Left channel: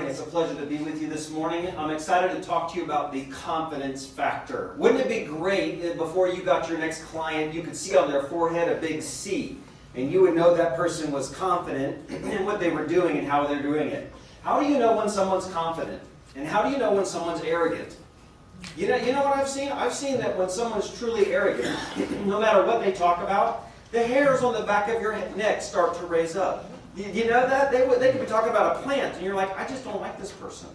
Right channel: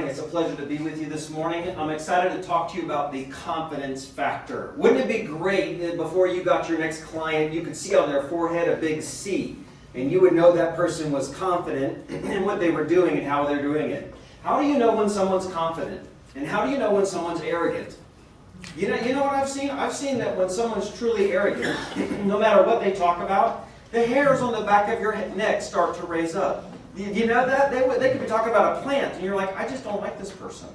morning. It's a pleasure to be with you this morning. I'm excited to talk to you about the confidence factor. Wouldn't it be great that before you got your next client, you could see on their forehead a big C, and you would know that person was confident in what they were doing and how they're doing it. How do you know when someone's confident? And how do you know when someone's arrogant? You know what I've seen? I've seen that when someone's truly arrogant, no matter what they talk about, the hairs on the back of your neck start to raise up. You know that? They could be talking about a plant, and you're like, I just don't like this person.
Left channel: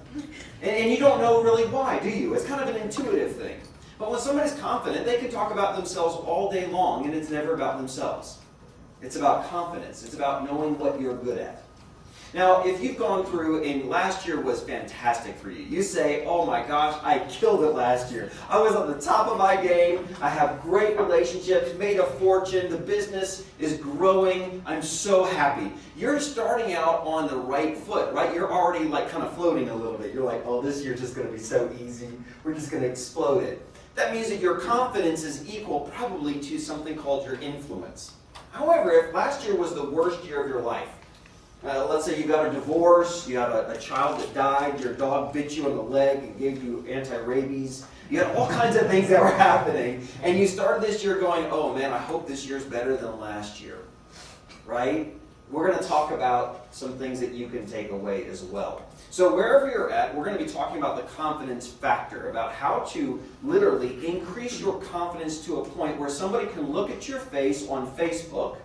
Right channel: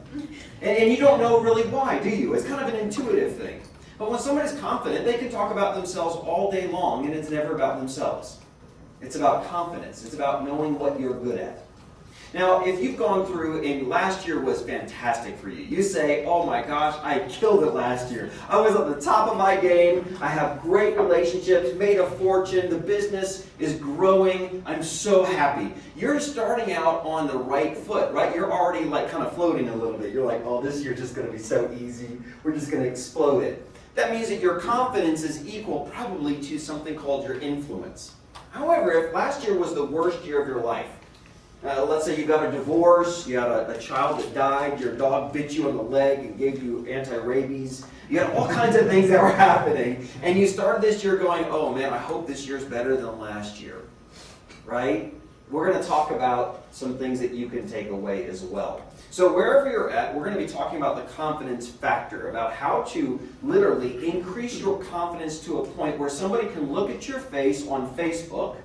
And you don't know really why, do you? It's kind of an intuitive thing. But when somebody's confident, they can talk about themselves all day long, and it's never about themselves. It's about confidence. It's about knowing what you're good at. Now, if you've gone through, and last year was fantastic for you, you say, oh my gosh, I killed it last year. I was at the top of my game. I have great relationships, made a fortune. The business is growing. I'm so happy. You're starting out on the right foot, right? You're already like kind of floating a little bit. You're like, oh, this year's just going to be so easy. We're just going to explode it. That means that your confidence is equal probably to something called your influence. However, if last year was the worst year of your life, let's say you got a divorce, you had a child that died, your dog bit you on the leg and gave you anti-rabies. You had all kinds of things that were happening. And you started this year going, oh man, I hope this year's better than last year. Right? We're going to talk about some things that you can take away as well. So wherever you're at, we're going to be talking about the confidence factor, about how to literally increase your confidence to a point where somebody can look at your face on Facebook,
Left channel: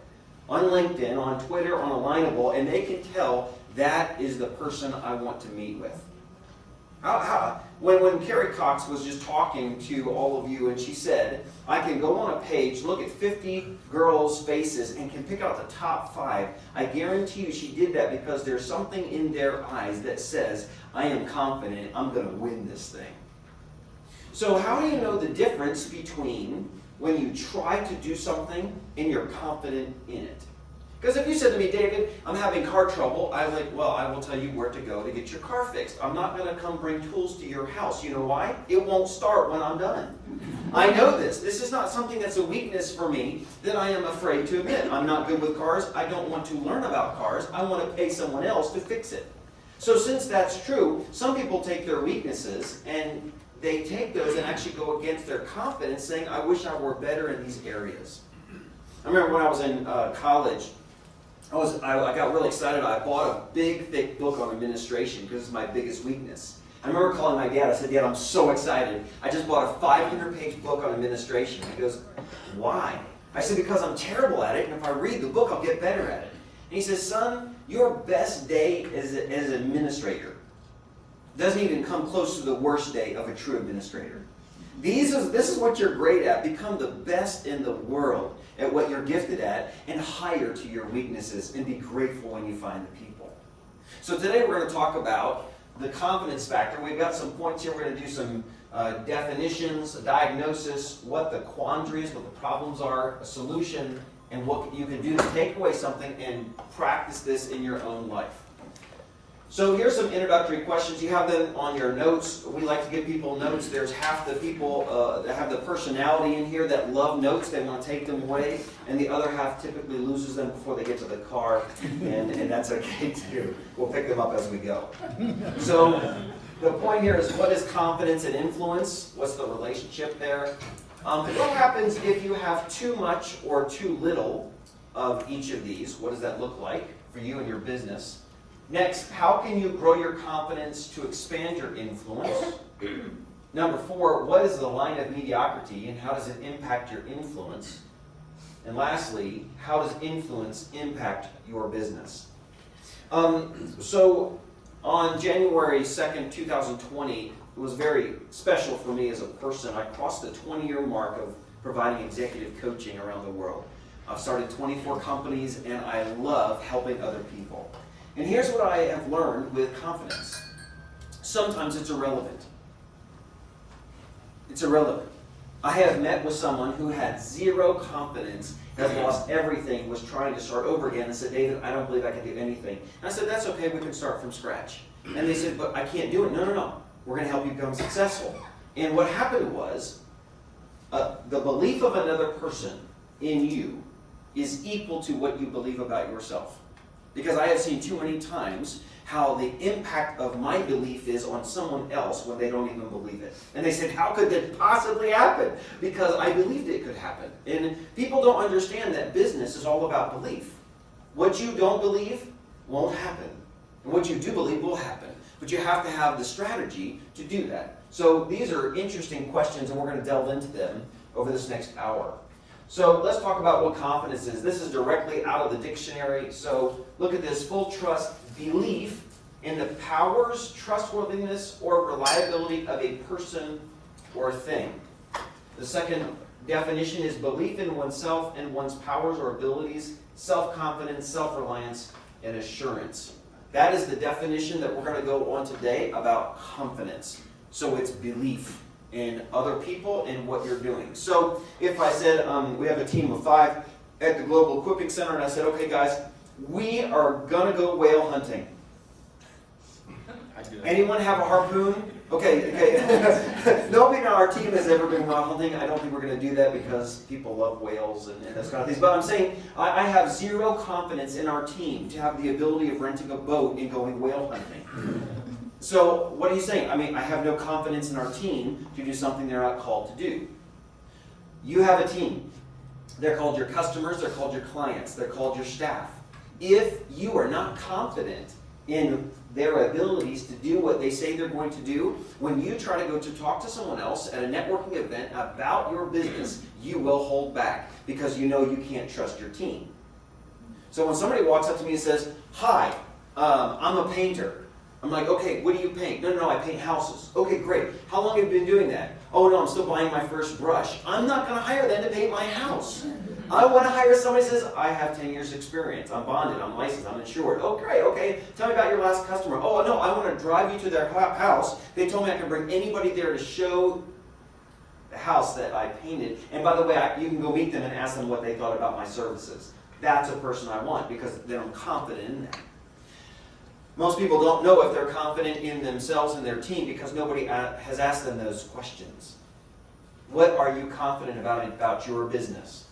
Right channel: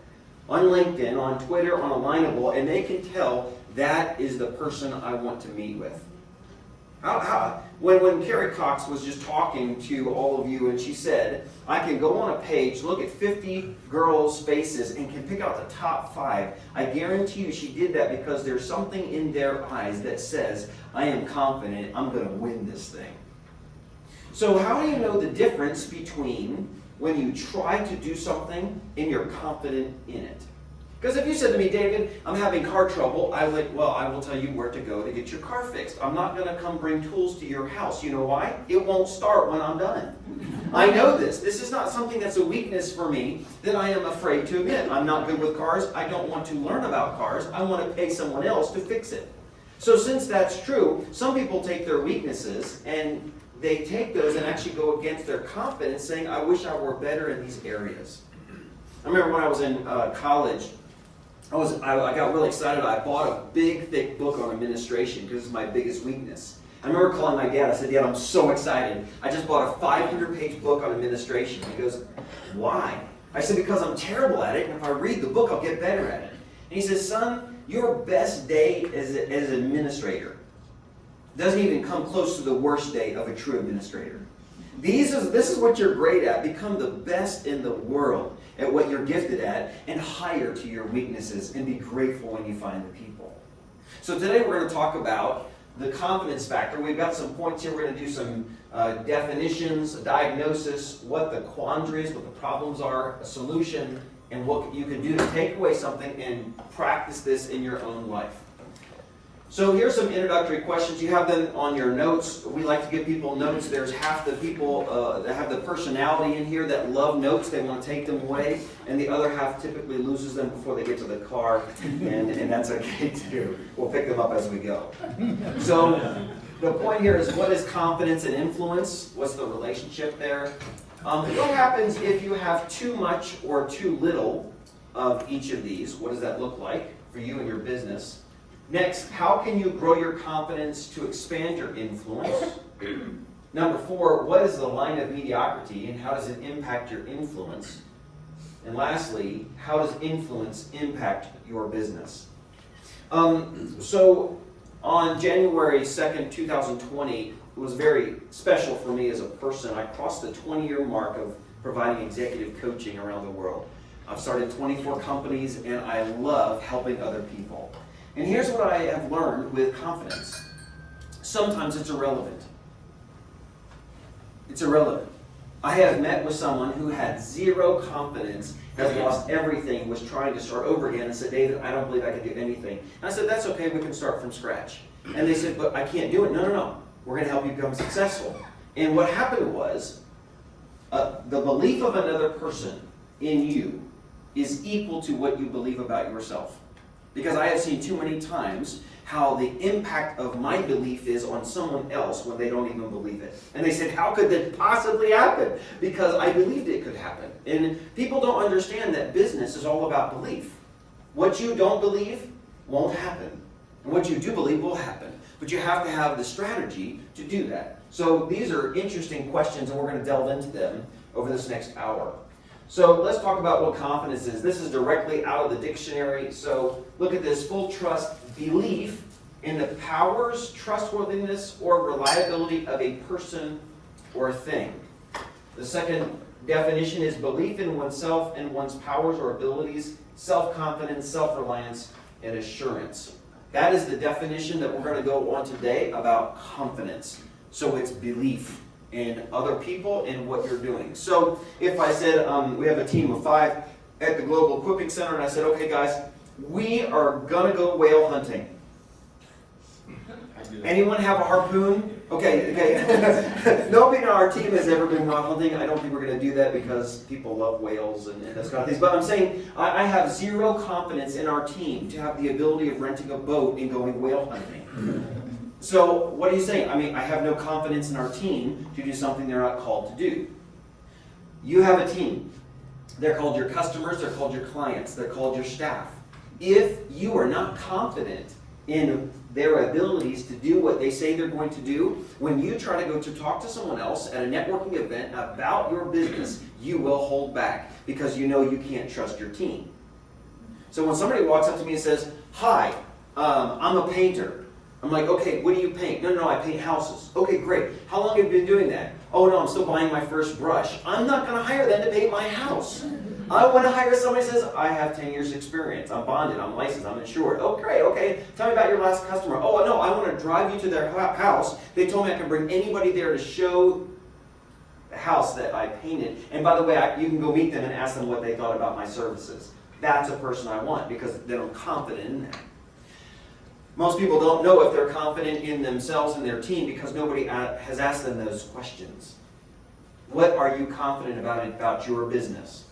on LinkedIn, on Twitter, on Alignable, and they can tell that is the person I want to meet with. When Carrie Cox was just talking to all of you and she said, I can go on a page, look at 50 girls' faces and can pick out the top 5, I guarantee you she did that because there's something in their eyes that says, I am confident I'm going to win this thing. So how do you know the difference between when you try to do something and you're confident in it? Because if you said to me, David, I'm having car trouble, I will tell you where to go to get your car fixed. I'm not going to come bring tools to your house. You know why? It won't start when I'm done. I know this. This is not something that's a weakness for me that I am afraid to admit. I'm not good with cars. I don't want to learn about cars. I want to pay someone else to fix it. So since that's true, some people take their weaknesses and they take those and actually go against their confidence, saying, I wish I were better in these areas. I remember when I was in college, I got really excited. I bought a big, thick book on administration because it's my biggest weakness. I remember calling my dad. I said, Dad, I'm so excited. I just bought a 500-page book on administration. He goes, why? I said, because I'm terrible at it, and if I read the book, I'll get better at it. And he says, son, your best day as an administrator doesn't even come close to the worst day of a true administrator. This is what you're great at. Become the best in the world at what you're gifted at and hire to your weaknesses and be grateful when you find the people. So today we're going to talk about the confidence factor. We've got some points here. We're going to do some definitions, a diagnosis, what the quandaries, what the problems are, a solution, and what you can do to take away something and practice this in your own life. So here's some introductory questions. You have them on your notes. We like to give people notes. There's half the people that have the personality in here that love notes. They want to take them away. And the other half typically loses them before they get to the car. And that's okay too. We'll pick them up as we go. So the point here is, what is confidence and influence? What's the relationship there? What happens if you have too much or too little of each of these? What does that look like for you and your business? Next, how can you grow your confidence to expand your influence? Number 4, what is the line of mediocrity and how does it impact your influence? And lastly, how does influence impact your business? So on January 2nd, 2020, it was very special for me as a person. I crossed the 20-year mark of providing executive coaching around the world. I've started 24 companies and I love helping other people. And here's what I have learned with confidence. Sometimes it's irrelevant. It's irrelevant. I have met with someone who had zero confidence, has lost everything, was trying to start over again, and said, David, I don't believe I can do anything. And I said, that's okay, we can start from scratch. And they said, but I can't do it. No. We're going to help you become successful. And what happened was, the belief of another person in you is equal to what you believe about yourself. Because I have seen too many times how the impact of my belief is on someone else when they don't even believe it. And they said, how could that possibly happen? Because I believed it could happen. And people don't understand that business is all about belief. What you don't believe won't happen. And what you do believe will happen. But you have to have the strategy to do that. So these are interesting questions, and we're going to delve into them over this next hour. So let's talk about what confidence is. This is directly out of the dictionary. So look at this: full trust, belief in the powers, trustworthiness, or reliability of a person or thing. The second definition is belief in oneself and one's powers or abilities, self-confidence, self-reliance, and assurance. That is the definition that we're going to go on today about confidence. So it's belief in other people and what you're doing. So if I said, we have a team of 5 at the Global Equipping Center, and I said, okay guys, we are going to go whale hunting. Anyone have a harpoon? Okay. Nobody on our team has ever been whale hunting. I don't think we're going to do that because people love whales and those kind of things. But I'm saying I have zero confidence in our team to have the ability of renting a boat and going whale hunting. So what are you saying? I mean, I have no confidence in our team to do something they're not called to do. You have a team. They're called your customers. They're called your clients. They're called your staff. If you are not confident in their abilities to do what they say they're going to do, when you try to go to talk to someone else at a networking event about your business, you will hold back because you know you can't trust your team. So when somebody walks up to me and says, hi, I'm a painter. I'm like, okay, what do you paint? No, I paint houses. Okay, great. How long have you been doing that? Oh no, I'm still buying my first brush. I'm not going to hire them to paint my house. I want to hire somebody who says, I have 10 years experience. I'm bonded, I'm licensed, I'm insured. Oh, great, okay. Tell me about your last customer. Oh, no, I want to drive you to their house. They told me I can bring anybody there to show the house that I painted. And by the way, you can go meet them and ask them what they thought about my services. That's a person I want because then I'm confident in that. Most people don't know if they're confident in themselves and their team because nobody has asked them those questions. What are you confident about your business?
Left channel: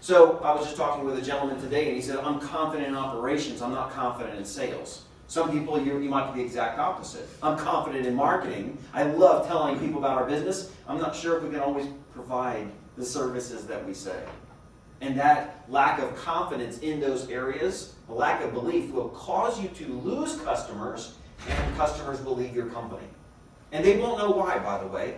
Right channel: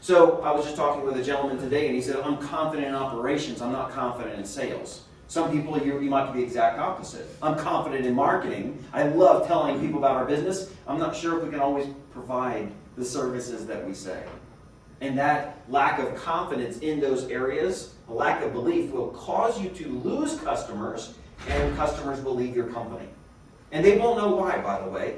So I was just talking with a gentleman today and he said, I'm confident in operations, I'm not confident in sales. Some people, you might be the exact opposite. I'm confident in marketing. I love telling people about our business. I'm not sure if we can always provide the services that we say. And that lack of confidence in those areas, a lack of belief, will cause you to lose customers, and customers will leave your company. And they won't know why, by the way.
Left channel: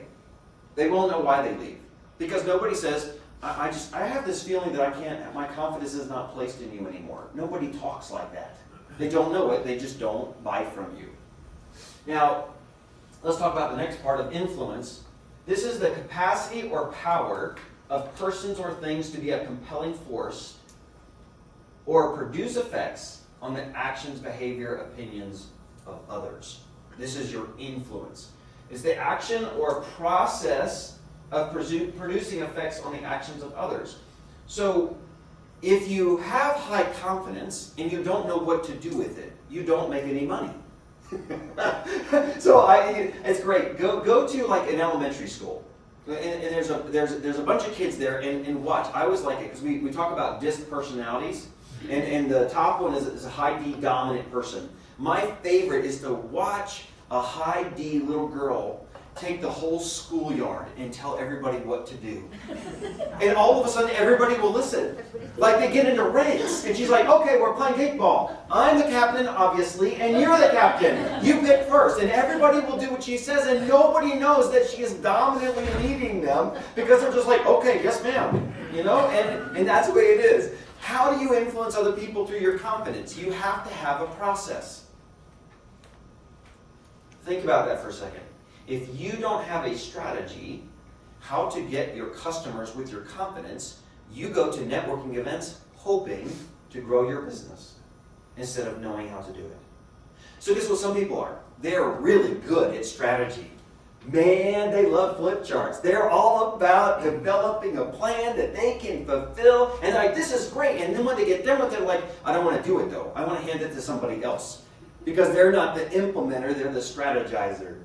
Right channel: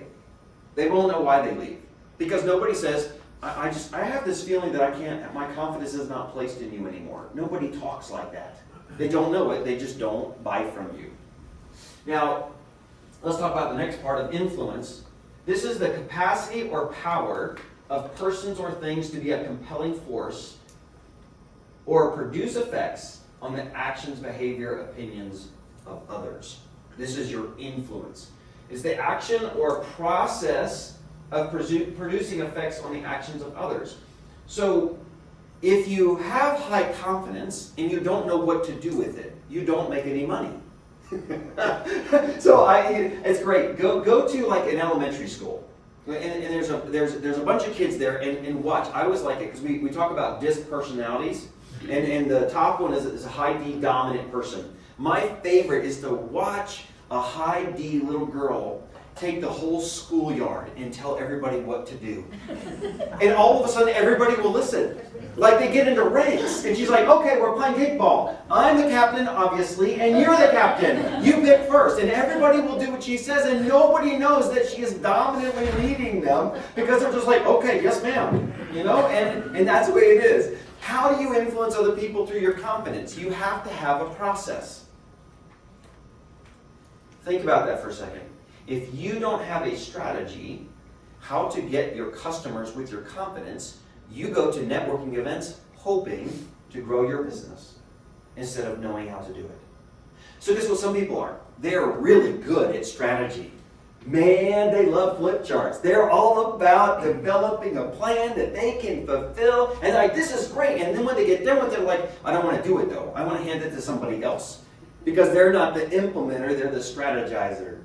They won't know why they leave. Because nobody says, I have this feeling that my confidence is not placed in you anymore. Nobody talks like that. They don't know it, they just don't buy from you. Now, let's talk about the next part of influence. This is the capacity or power of persons or things to be a compelling force or produce effects on the actions, behavior, opinions of others. This is your influence. It's the action or process of producing effects on the actions of others. So, if you have high confidence and you don't know what to do with it, you don't make any money. So it's great. Go to like an elementary school, and there's a bunch of kids there, and watch. I always like it because we talk about DISC personalities, and the top one is a high D dominant person. My favorite is to watch a high D little girl take the whole schoolyard and tell everybody what to do. And all of a sudden, everybody will listen. Like they get into ranks, and she's like, okay, we're playing kickball. I'm the captain, obviously, and you're the captain. You pick first. And everybody will do what she says, and nobody knows that she is dominantly leading them because they're just like, okay, yes, ma'am. You know, and that's the way it is. How do you influence other people through your confidence? You have to have a process. Think about that for a second. If you don't have a strategy how to get your customers with your confidence, you go to networking events hoping to grow your business instead of knowing how to do it. So this is what some people are. They're really good at strategy. Man, they love flip charts. They're all about developing a plan that they can fulfill. And they're like, this is great. And then when they get done with it, they're like, I don't want to do it though. I want to hand it to somebody else. Because they're not the implementer, they're the strategizer.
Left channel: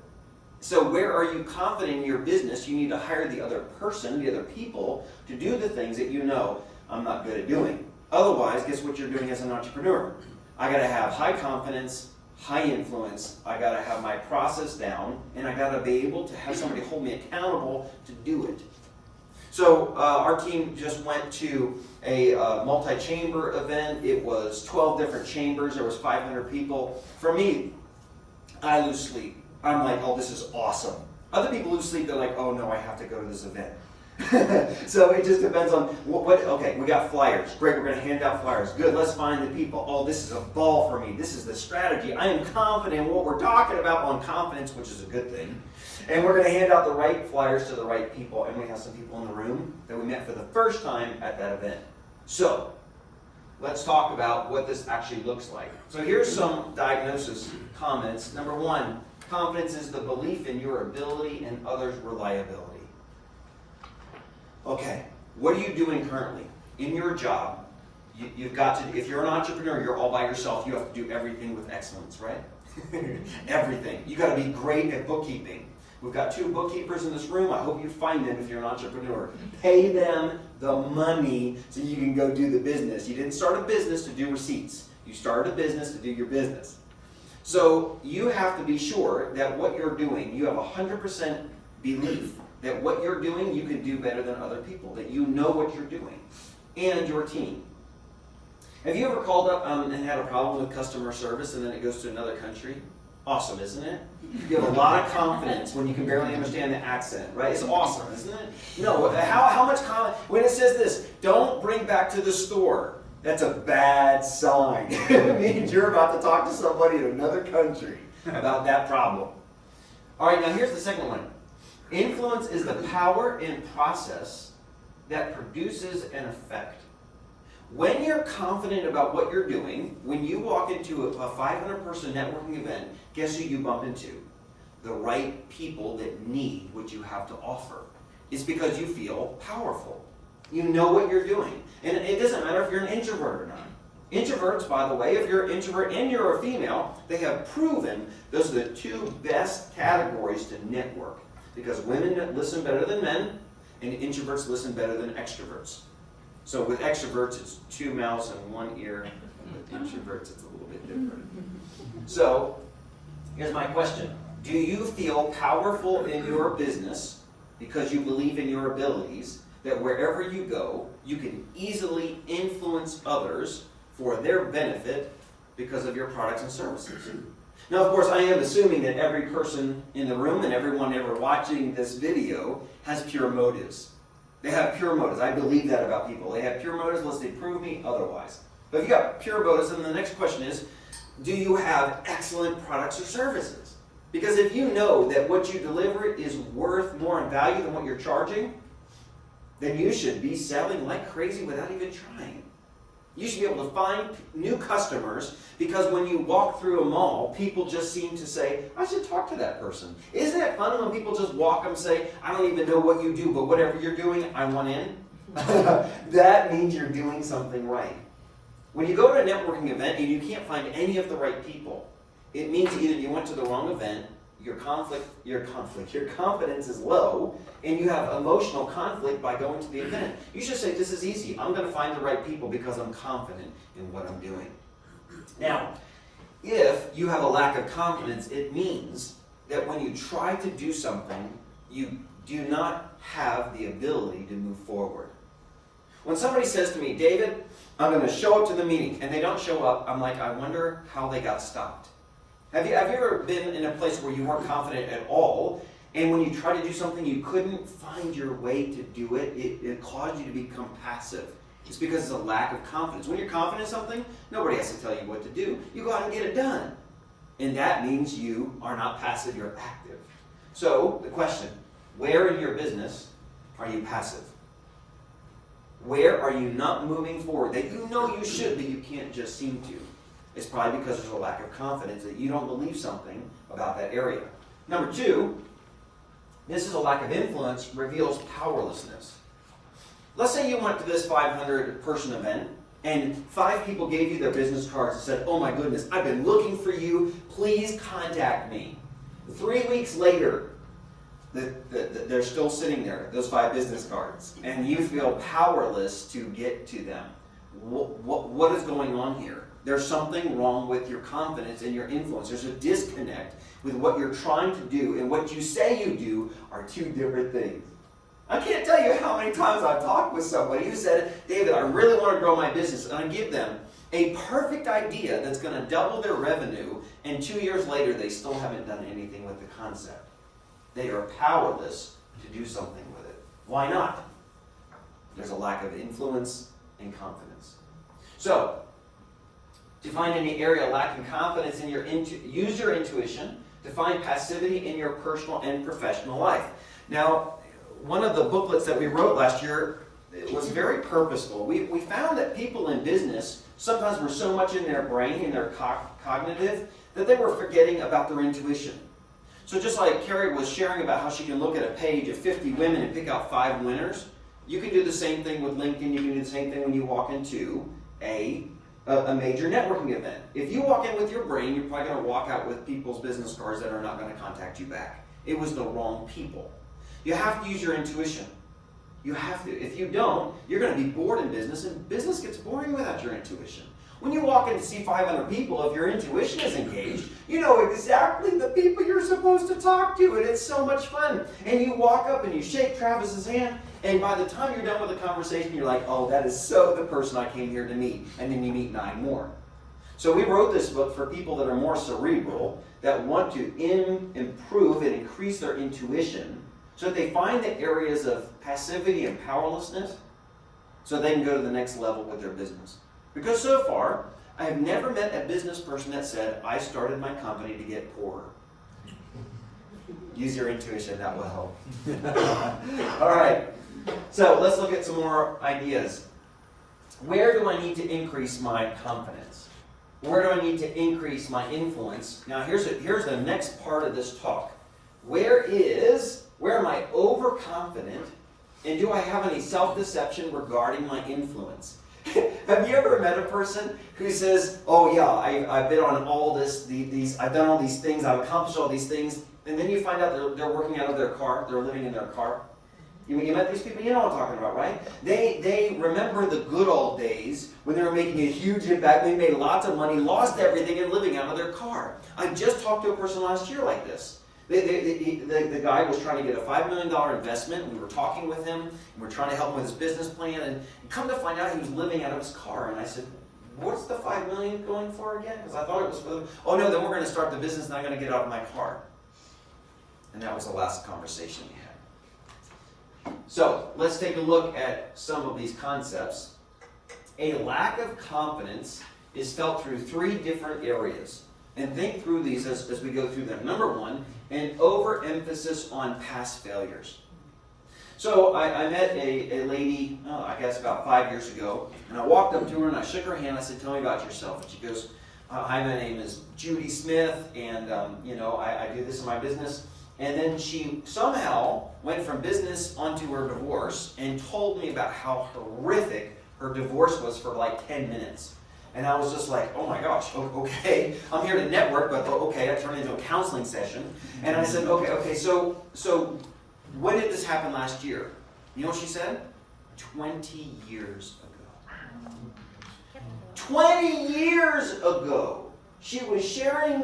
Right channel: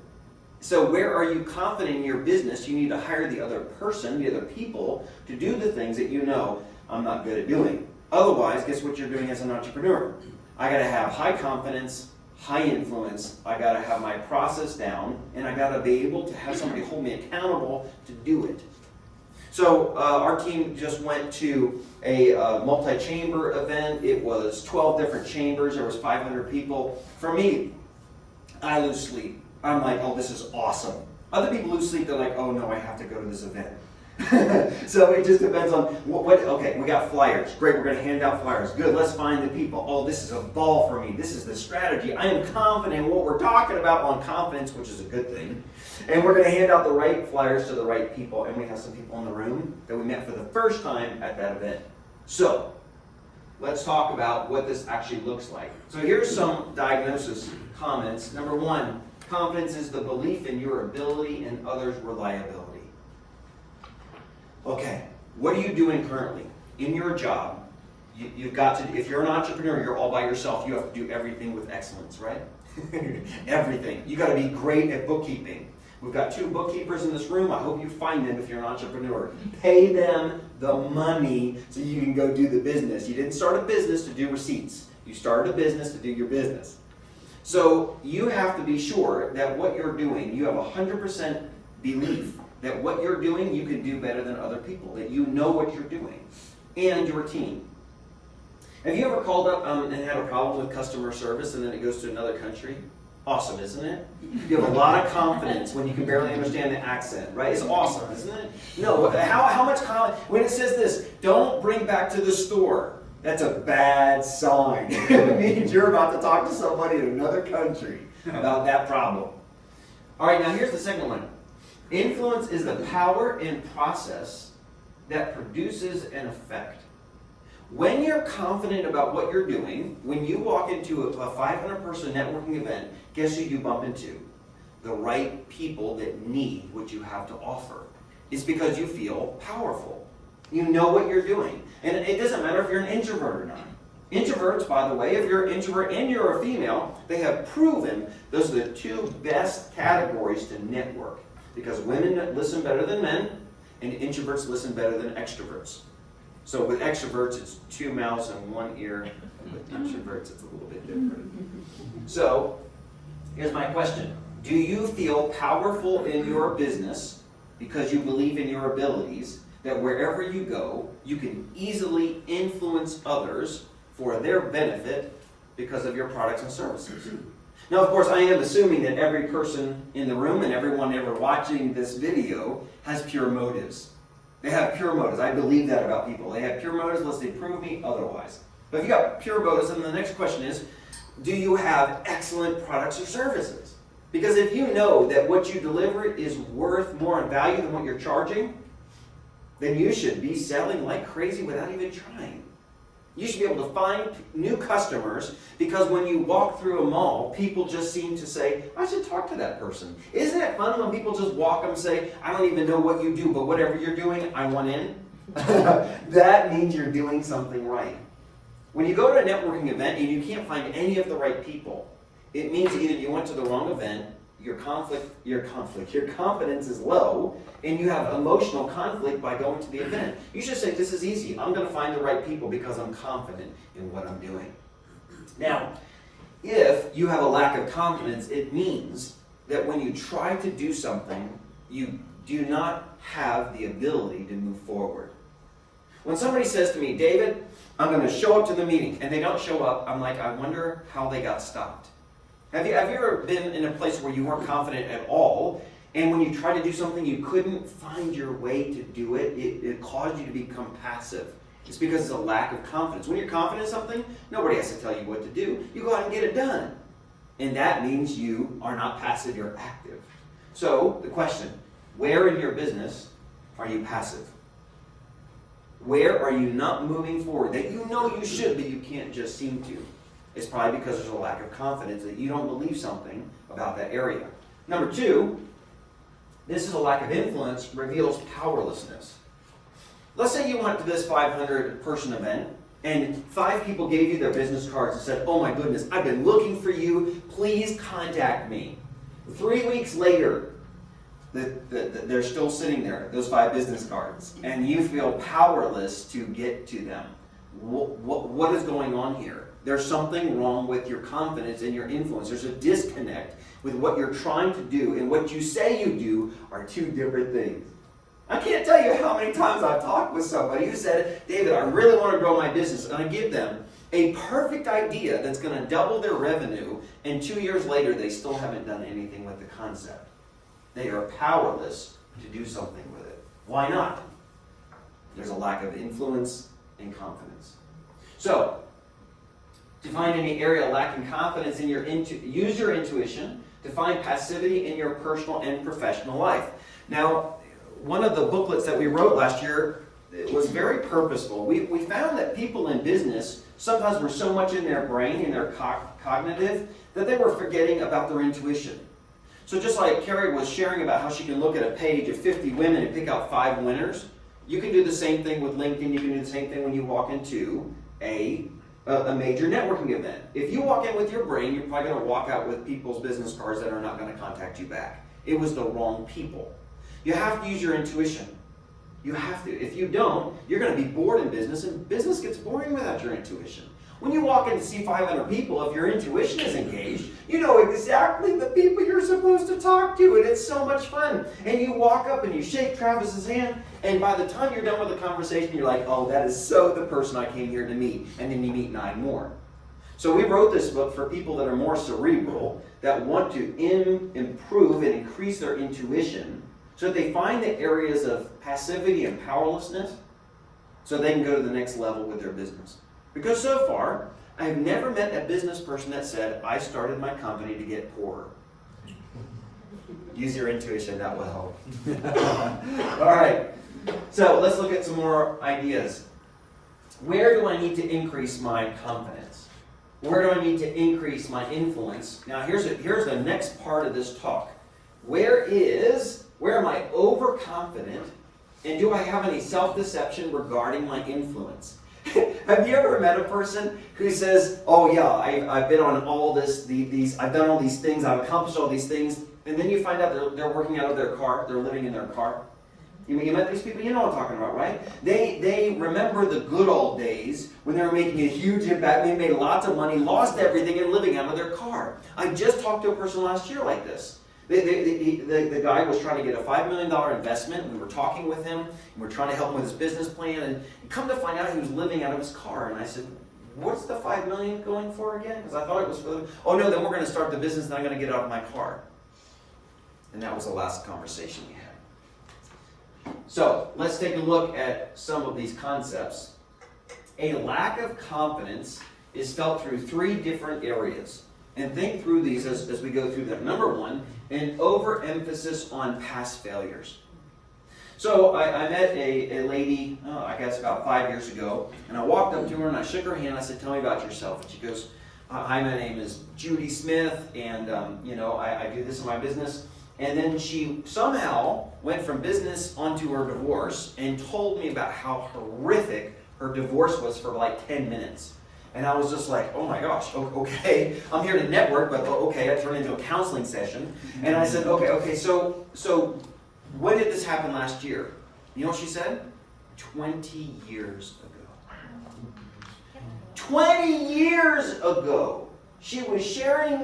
So where are you confident in your business? You need to hire the other person, the other people, to do the things that you know I'm not good at doing. Otherwise, guess what you're doing as an entrepreneur? I got to have high confidence, high influence. I got to have my process down, and I got to be able to have somebody hold me accountable to do it. So our team just went to a multi-chamber event. It was 12 different chambers. There was 500 people. For me, I lose sleep. I'm like, oh, this is awesome. Other people lose sleep. They're like, oh no, I have to go to this event. So it just depends on what. Okay, we got flyers. Great, we're going to hand out flyers. Good, let's find the people. Oh, this is a ball for me. This is the strategy. I am confident in what we're talking about on confidence, which is a good thing. And we're going to hand out the right flyers to the right people. And we have some people in the room that we met for the first time at that event. So let's talk about what this actually looks like. So here's some diagnosis comments. Number one, confidence is the belief in your ability and others' reliability. Okay, what are you doing currently? In your job, you've got to, if you're an entrepreneur, you're all by yourself, you have to do everything with excellence, right? Everything. You got to be great at bookkeeping. We've got 2 bookkeepers in this room. I hope you find them if you're an entrepreneur. Pay them the money so you can go do the business. You didn't start a business to do receipts. You started a business to do your business. So you have to be sure that what you're doing, you have 100% belief that what you're doing, you can do better than other people, that you know what you're doing, and your team. Have you ever called up and had a problem with customer service and then it goes to another country? Awesome, isn't it? You have a lot of confidence when you can barely understand the accent, right? It's awesome, isn't it? No, how much confidence? When it says this, don't bring back to the store, that's a bad sign. It means you're about to talk to somebody in another country about that problem. All right, now here's the second one. Influence is the power and process that produces an effect. When you're confident about what you're doing, when you walk into a 500-person networking event, guess who you bump into? The right people that need what you have to offer. It's because you feel powerful. You know what you're doing. And it doesn't matter if you're an introvert or not. Introverts, by the way, if you're an introvert and you're a female, they have proven those are the 2 best categories to network. Because women listen better than men, and introverts listen better than extroverts. So with extroverts, it's 2 mouths and 1 ear. And with introverts, it's a little bit different. So here's my question. Do you feel powerful in your business because you believe in your abilities, that wherever you go, you can easily influence others for their benefit because of your products and services? Now, of course, I am assuming that every person in the room and everyone ever watching this video has pure motives. They have pure motives. I believe that about people. They have pure motives unless they prove me otherwise. But if you got pure motives, then the next question is, do you have excellent products or services? Because if you know that what you deliver is worth more in value than what you're charging, then you should be selling like crazy without even trying. You should be able to find new customers because when you walk through a mall, people just seem to say, I should talk to that person. Isn't it fun when people just walk up and say, I don't even know what you do, but whatever you're doing, I want in? That means you're doing something right. When you go to a networking event and you can't find any of the right people, it means either you went to the wrong event, your confidence is low, and you have emotional conflict by going to the event. You should say, this is easy. I'm going to find the right people because I'm confident in what I'm doing. Now, if you have a lack of confidence, it means that when you try to do something, you do not have the ability to move forward. When somebody says to me, David, I'm going to show up to the meeting, and they don't show up, I'm like, I wonder how they got stopped. Have you ever been in a place where you weren't confident at all, and when you tried to do something, you couldn't find your way to do it? It caused you to become passive. It's because it's a lack of confidence. When you're confident in something, nobody has to tell you what to do. You go out and get it done. And that means you are not passive, you're active. So, the question, where in your business are you passive? Where are you not moving forward that you know you should, but you can't just seem to? It's probably because there's a lack of confidence that you don't believe something about that area. Number 2, this is a lack of influence reveals powerlessness. Let's say you went to this 500-person event and 5 people gave you their business cards and said, oh my goodness, I've been looking for you, please contact me. 3 weeks later, they're still sitting there, those 5 business cards, and you feel powerless to get to them. what is going on here? There's something wrong with your confidence and your influence. There's a disconnect with what you're trying to do and what you say you do are two different things. I can't tell you how many times I've talked with somebody who said, David, I really want to grow my business. And I give them a perfect idea that's going to double their revenue, and 2 years later, they still haven't done anything with the concept. They are powerless to do something with it. Why not? There's a lack of influence and confidence. So, to find any area lacking confidence in use your intuition to find passivity in your personal and professional life. Now, one of the booklets that we wrote last year was very purposeful. We found that people in business sometimes were so much in their brain, in their cognitive, that they were forgetting about their intuition. So just like Carrie was sharing about how she can look at a page of 50 women and pick out 5 winners, you can do the same thing with LinkedIn. You can do the same thing when you walk into a major networking event. If you walk in with your brain, you're probably going to walk out with people's business cards that are not going to contact you back. It was the wrong people. You have to use your intuition. You have to. If you don't, you're going to be bored in business, and business gets boring without your intuition. When you walk in to see 500 people, if your intuition is engaged, you know exactly the people you're supposed to talk to, and it's so much fun. And you walk up and you shake Travis's hand, and by the time you're done with the conversation, you're like, oh, that is so the person I came here to meet. And then you meet 9 more. So we wrote this book for people that are more cerebral, that want to improve and increase their intuition, so that they find the areas of passivity and powerlessness, so they can go to the next level with their business. Because so far, I have never met a business person that said, I started my company to get poorer. Use your intuition, that will help. All right, so let's look at some more ideas. Where do I need to increase my confidence? Where do I need to increase my influence? Now here's the next part of this talk. Where am I overconfident, and do I have any self-deception regarding my influence? Have you ever met a person who says, oh yeah, I've been on all these, I've done all these things, I've accomplished all these things, and then you find out they're working out of their car, they're living in their car? You met these people? You know what I'm talking about, right? They remember the good old days when they were making a huge impact, they made lots of money, lost everything, and living out of their car. I just talked to a person last year like this. The guy was trying to get a $5 million investment. We were talking with him, and we're trying to help him with his business plan, and come to find out he was living out of his car. And I said, what's the $5 million going for again? Because I thought it was for them. Oh no, then we're going to start the business and I'm going to get out of my car. And that was the last conversation we had. So let's take a look at some of these concepts. A lack of confidence is felt through 3 different areas. And think through these as we go through them. Number 1, an overemphasis on past failures. So I met a lady, I guess about 5 years ago, and I walked up to her and I shook her hand. I said, tell me about yourself. And she goes, hi, my name is Judy Smith, and I do this in my business. And then she somehow went from business onto her divorce and told me about how horrific her divorce was for like 10 minutes. And I was just like, oh my gosh, okay, I'm here to network, but okay, I turned into a counseling session. And I said, okay, so when did this happen last year? You know what she said? 20 years ago. 20 years ago, she was sharing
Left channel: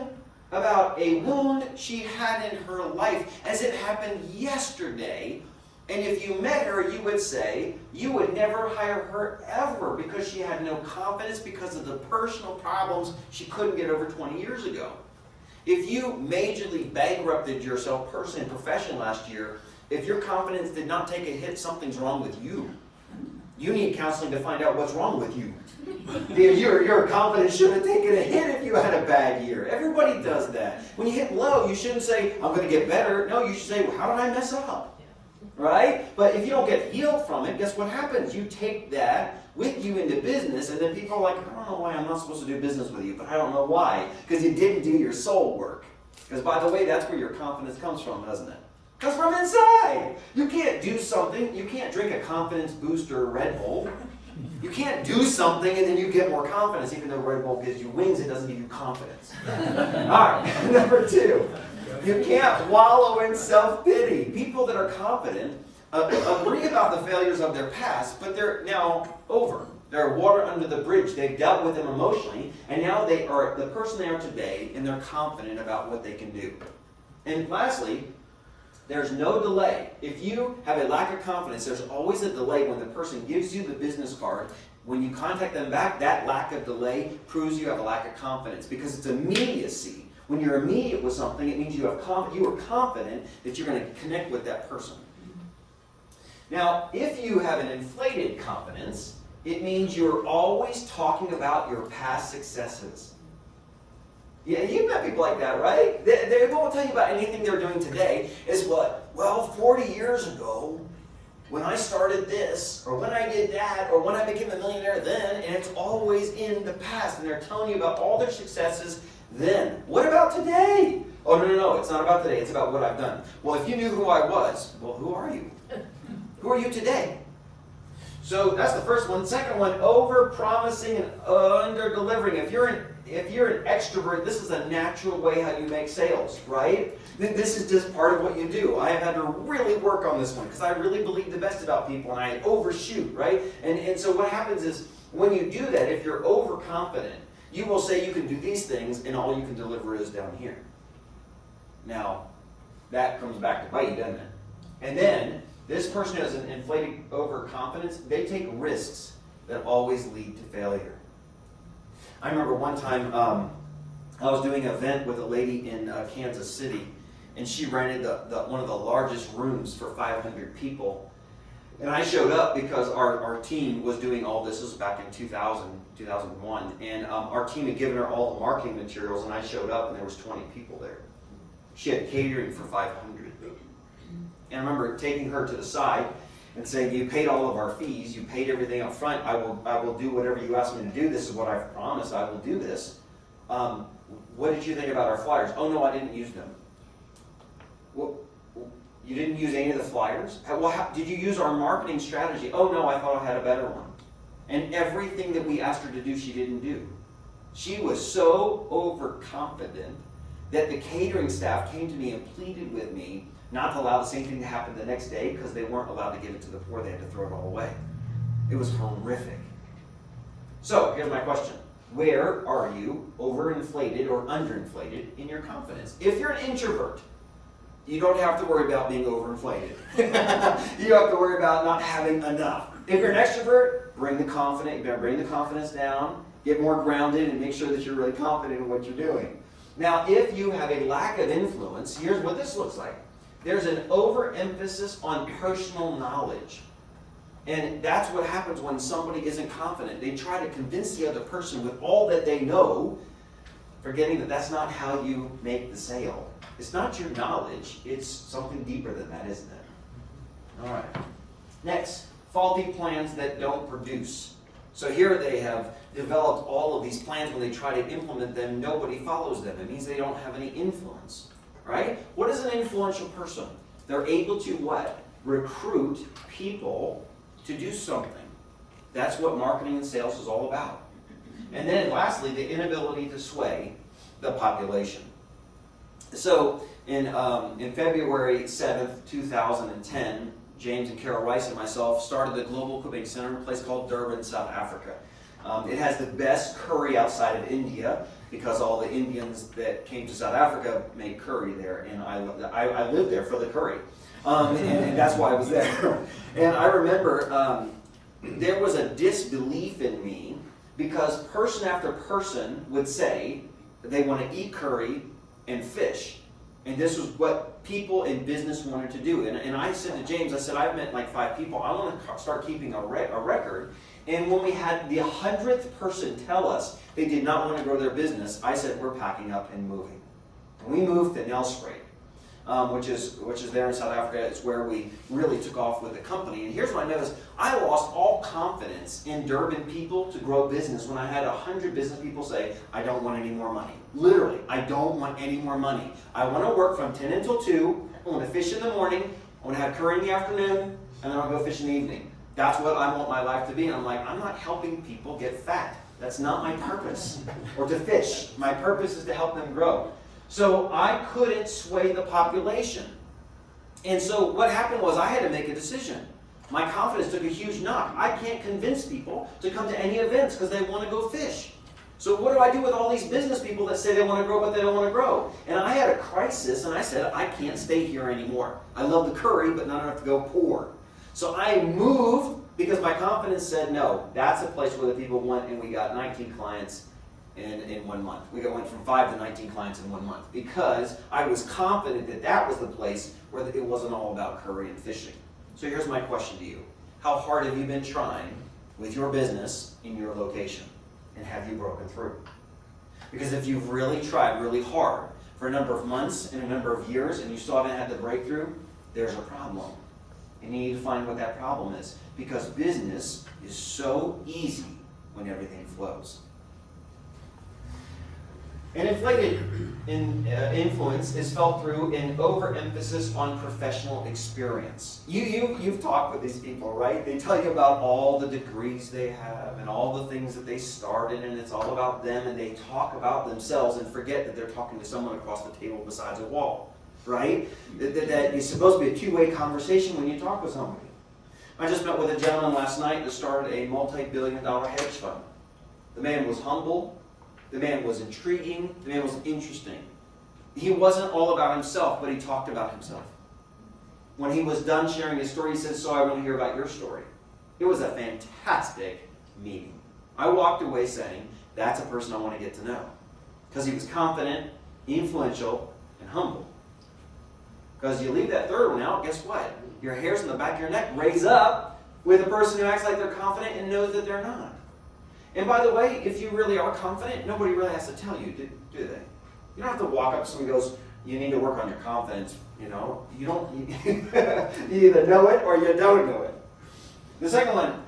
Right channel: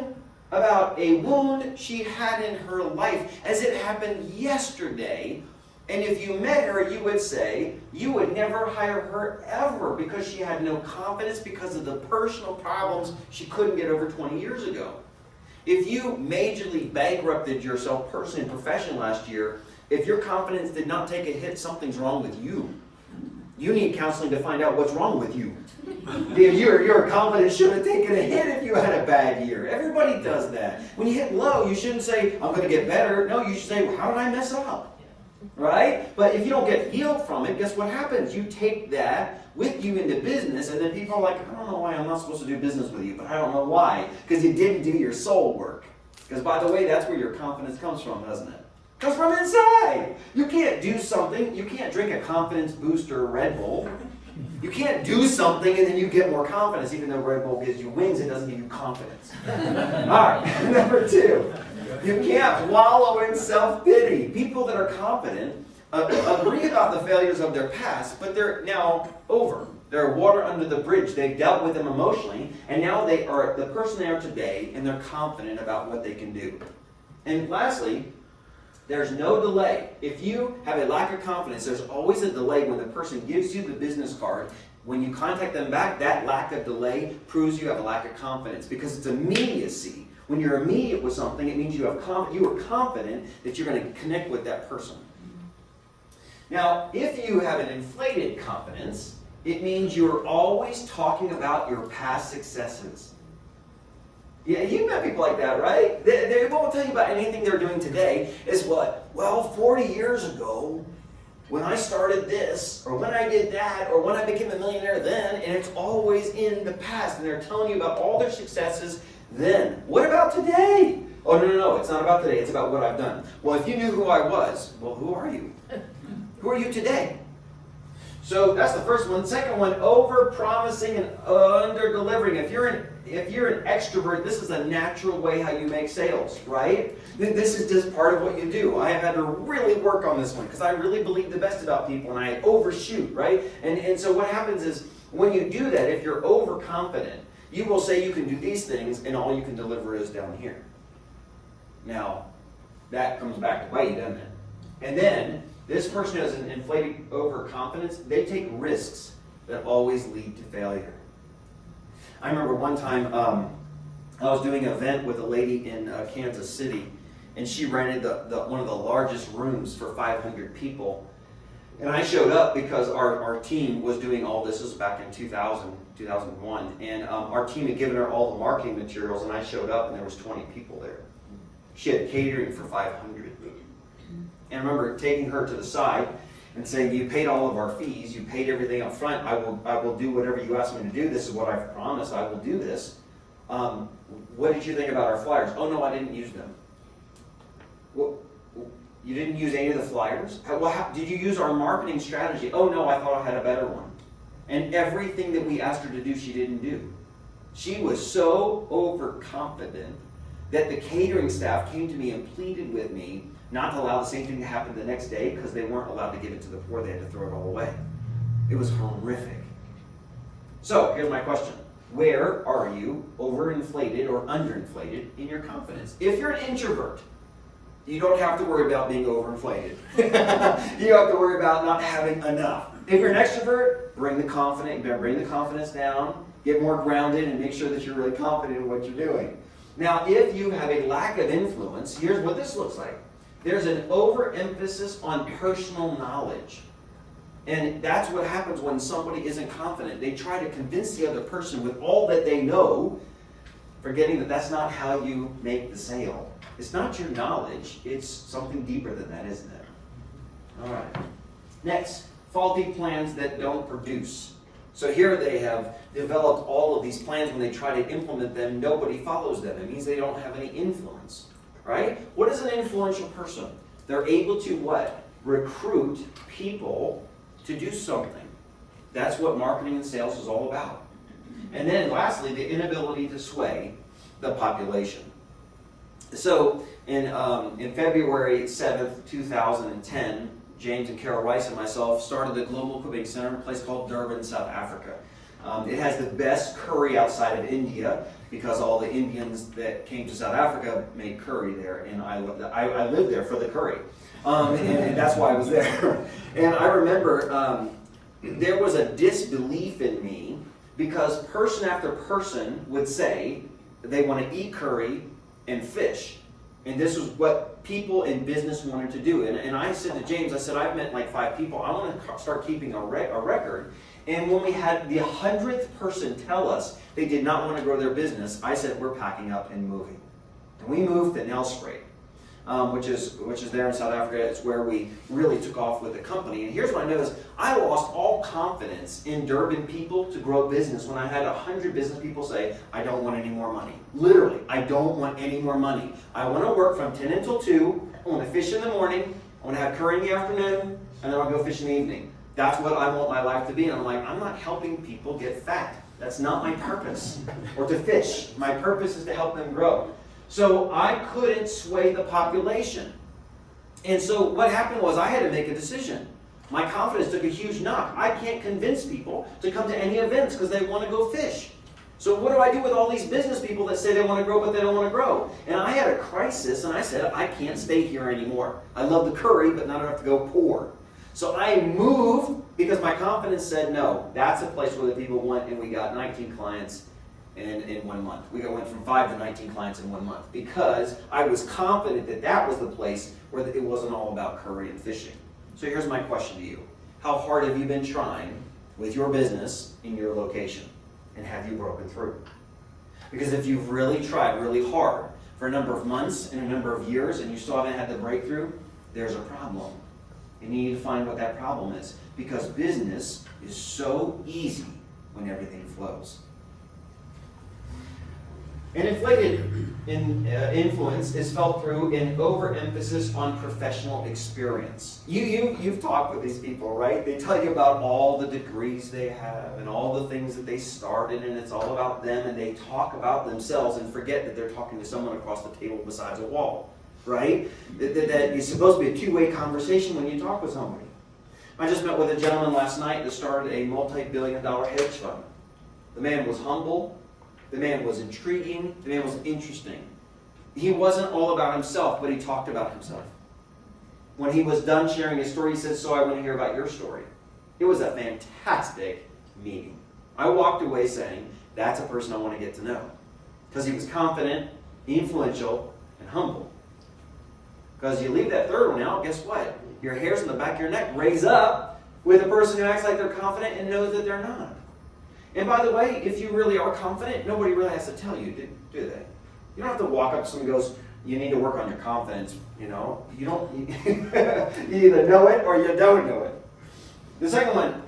about a wound she had in her life as it happened yesterday. And if you met her, you would say you would never hire her ever because she had no confidence because of the personal problems she couldn't get over 20 years ago. If you majorly bankrupted yourself personally and professionally last year, if your confidence did not take a hit, something's wrong with you. You need counseling to find out what's wrong with you. Your confidence should have taken a hit if you had a bad year. Everybody does that. When you hit low, you shouldn't say, I'm going to get better. No, you should say, well, how did I mess up? Right? But if you don't get healed from it, guess what happens? You take that with you into business, and then people are like, I don't know why I'm not supposed to do business with you, but I don't know why. Because you didn't do your soul work. Because by the way, that's where your confidence comes from, doesn't it? It comes from inside. You can't do something. You can't drink a confidence booster Red Bull. You can't do something and then you get more confidence. Even though Red Bull gives you wings, it doesn't give you confidence. All right, number 2. You can't wallow in self-pity. People that are confident agree about the failures of their past, but they're now over. They're water under the bridge. They've dealt with them emotionally, and now they are the person they are today, and they're confident about what they can do. And lastly, there's no delay. If you have a lack of confidence, there's always a delay when the person gives you the business card. When you contact them back, that lack of delay proves you have a lack of confidence because it's immediacy. When you're immediate with something, it means you are confident that you're going to connect with that person. Now, if you have an inflated confidence, it means you're always talking about your past successes. Yeah, you've met people like that, right? They won't tell you about anything they're doing today. It's what? Well, 40 years ago, when I started this, or when I did that, or when I became a millionaire then, and it's always in the past, and they're telling you about all their successes then. What about today? Oh, no, it's not about today, it's about what I've done. Well, if you knew who I was, well, who are you? Who are you today? So that's the first one. Second one, over-promising and under-delivering. If you're an extrovert, this is a natural way how you make sales, right? This is just part of what you do. I have had to really work on this one because I really believe the best about people and I overshoot, right? And so what happens is when you do that, if you're overconfident, you will say you can do these things and all you can deliver is down here. Now, that comes back to bite you, doesn't it? And then this person has an inflated overconfidence. They take risks that always lead to failure. I remember one time I was doing an event with a lady in Kansas City, and she rented one of the largest rooms for 500 people. And I showed up because our team was doing all this. This was back in 2001. And our team had given her all the marketing materials, and I showed up, and there was 20 people there. She had catering for 500. And I remember taking her to the side and saying, you paid all of our fees, you paid everything up front, I will do whatever you asked me to do, this is what I've promised, I will do this. What did you think about our flyers? Oh no, I didn't use them. Well, you didn't use any of the flyers? Did you use our marketing strategy? Oh no, I thought I had a better one. And everything that we asked her to do, she didn't do. She was so overconfident that the catering staff came to me and pleaded with me not to allow the same thing to happen the next day because they weren't allowed to give it to the poor. They had to throw it all away. It was horrific. So, here's my question. Where are you overinflated or underinflated in your confidence? If you're an introvert, you don't have to worry about being overinflated. You have to worry about not having enough. If you're an extrovert, bring the confidence down, get more grounded, and make sure that you're really confident in what you're doing. Now, if you have a lack of influence, here's what this looks like. There's an overemphasis on personal knowledge. And that's what happens when somebody isn't confident. They try to convince the other person with all that they know, forgetting that that's not how you make the sale. It's not your knowledge. It's something deeper than that, isn't it? All right. Next, faulty plans that don't produce. So here they have developed all of these plans. When they try to implement them, nobody follows them. It means they don't have any influence. Right? What is an influential person? They're able to what? Recruit people to do something. That's what marketing and sales is all about. And then lastly, the inability to sway the population. So in February 7th, 2010, James and Carol Rice and myself started the Global Cooking Center in a place called Durban, South Africa. It has the best curry outside of India because all the Indians that came to South Africa made curry there, and I lived there for the curry, and that's why I was there. And I remember there was a disbelief in me because person after person would say they want to eat curry and fish, and this was what people in business wanted to do. And I said to James, I said, I've met like 5 people. I want to start keeping a record. And when we had the 100th person tell us they did not want to grow their business, I said, we're packing up and moving. And we moved to Nelspruit, which is there in South Africa. It's where we really took off with the company. And here's what I noticed. I lost all confidence in Durban people to grow business when I had 100 business people say, I don't want any more money. Literally, I don't want any more money. I want to work from 10 until 2. I want to fish in the morning. I want to have curry in the afternoon. And then I'll go fish in the evening. That's what I want my life to be. And I'm like, I'm not helping people get fat. That's not my purpose. Or to fish. My purpose is to help them grow. So I couldn't sway the population. And so what happened was I had to make a decision. My confidence took a huge knock. I can't convince people to come to any events because they want to go fish. So what do I do with all these business people that say they want to grow but they don't want to grow? And I had a crisis and I said, I can't stay here anymore. I love the curry, but not enough to go pour. So I moved because my confidence said no. That's a place where the people went, and we got 19 clients in 1 month. We went from 5 to 19 clients in 1 month because I was confident that that was the place where it wasn't all about curry and fishing. So here's my question to you. How hard have you been trying with your business in your location? And have you broken through? Because if you've really tried really hard for a number of months and a number of years and you still haven't had the breakthrough, there's a problem. And you need to find what that problem is. Because business is so easy when everything flows. An inflated influence is felt through an overemphasis on professional experience. You've talked with these people, right? They tell you about all the degrees they have and all the things that they started, and it's all about them, and they talk about themselves and forget that they're talking to someone across the table besides a wall, right? That is supposed to be a two-way conversation when you talk with somebody. I just met with a gentleman last night that started a multi-billion-dollar hedge fund. The man was humble. The man was intriguing. The man was interesting. He wasn't all about himself, but he talked about himself. When he was done sharing his story, he said, so I want to hear about your story. It was a fantastic meeting. I walked away saying, that's a person I want to get to know. Because he was confident, influential, and humble. Because you leave that third one out, guess what? Your hairs on the back of your neck raise up with a person who acts like they're confident and knows that they're not. And by the way, if you really are confident, nobody really has to tell you, do they? You don't have to walk up to someone who goes, you need to work on your confidence. You know, you either know it or you don't know it. The second one,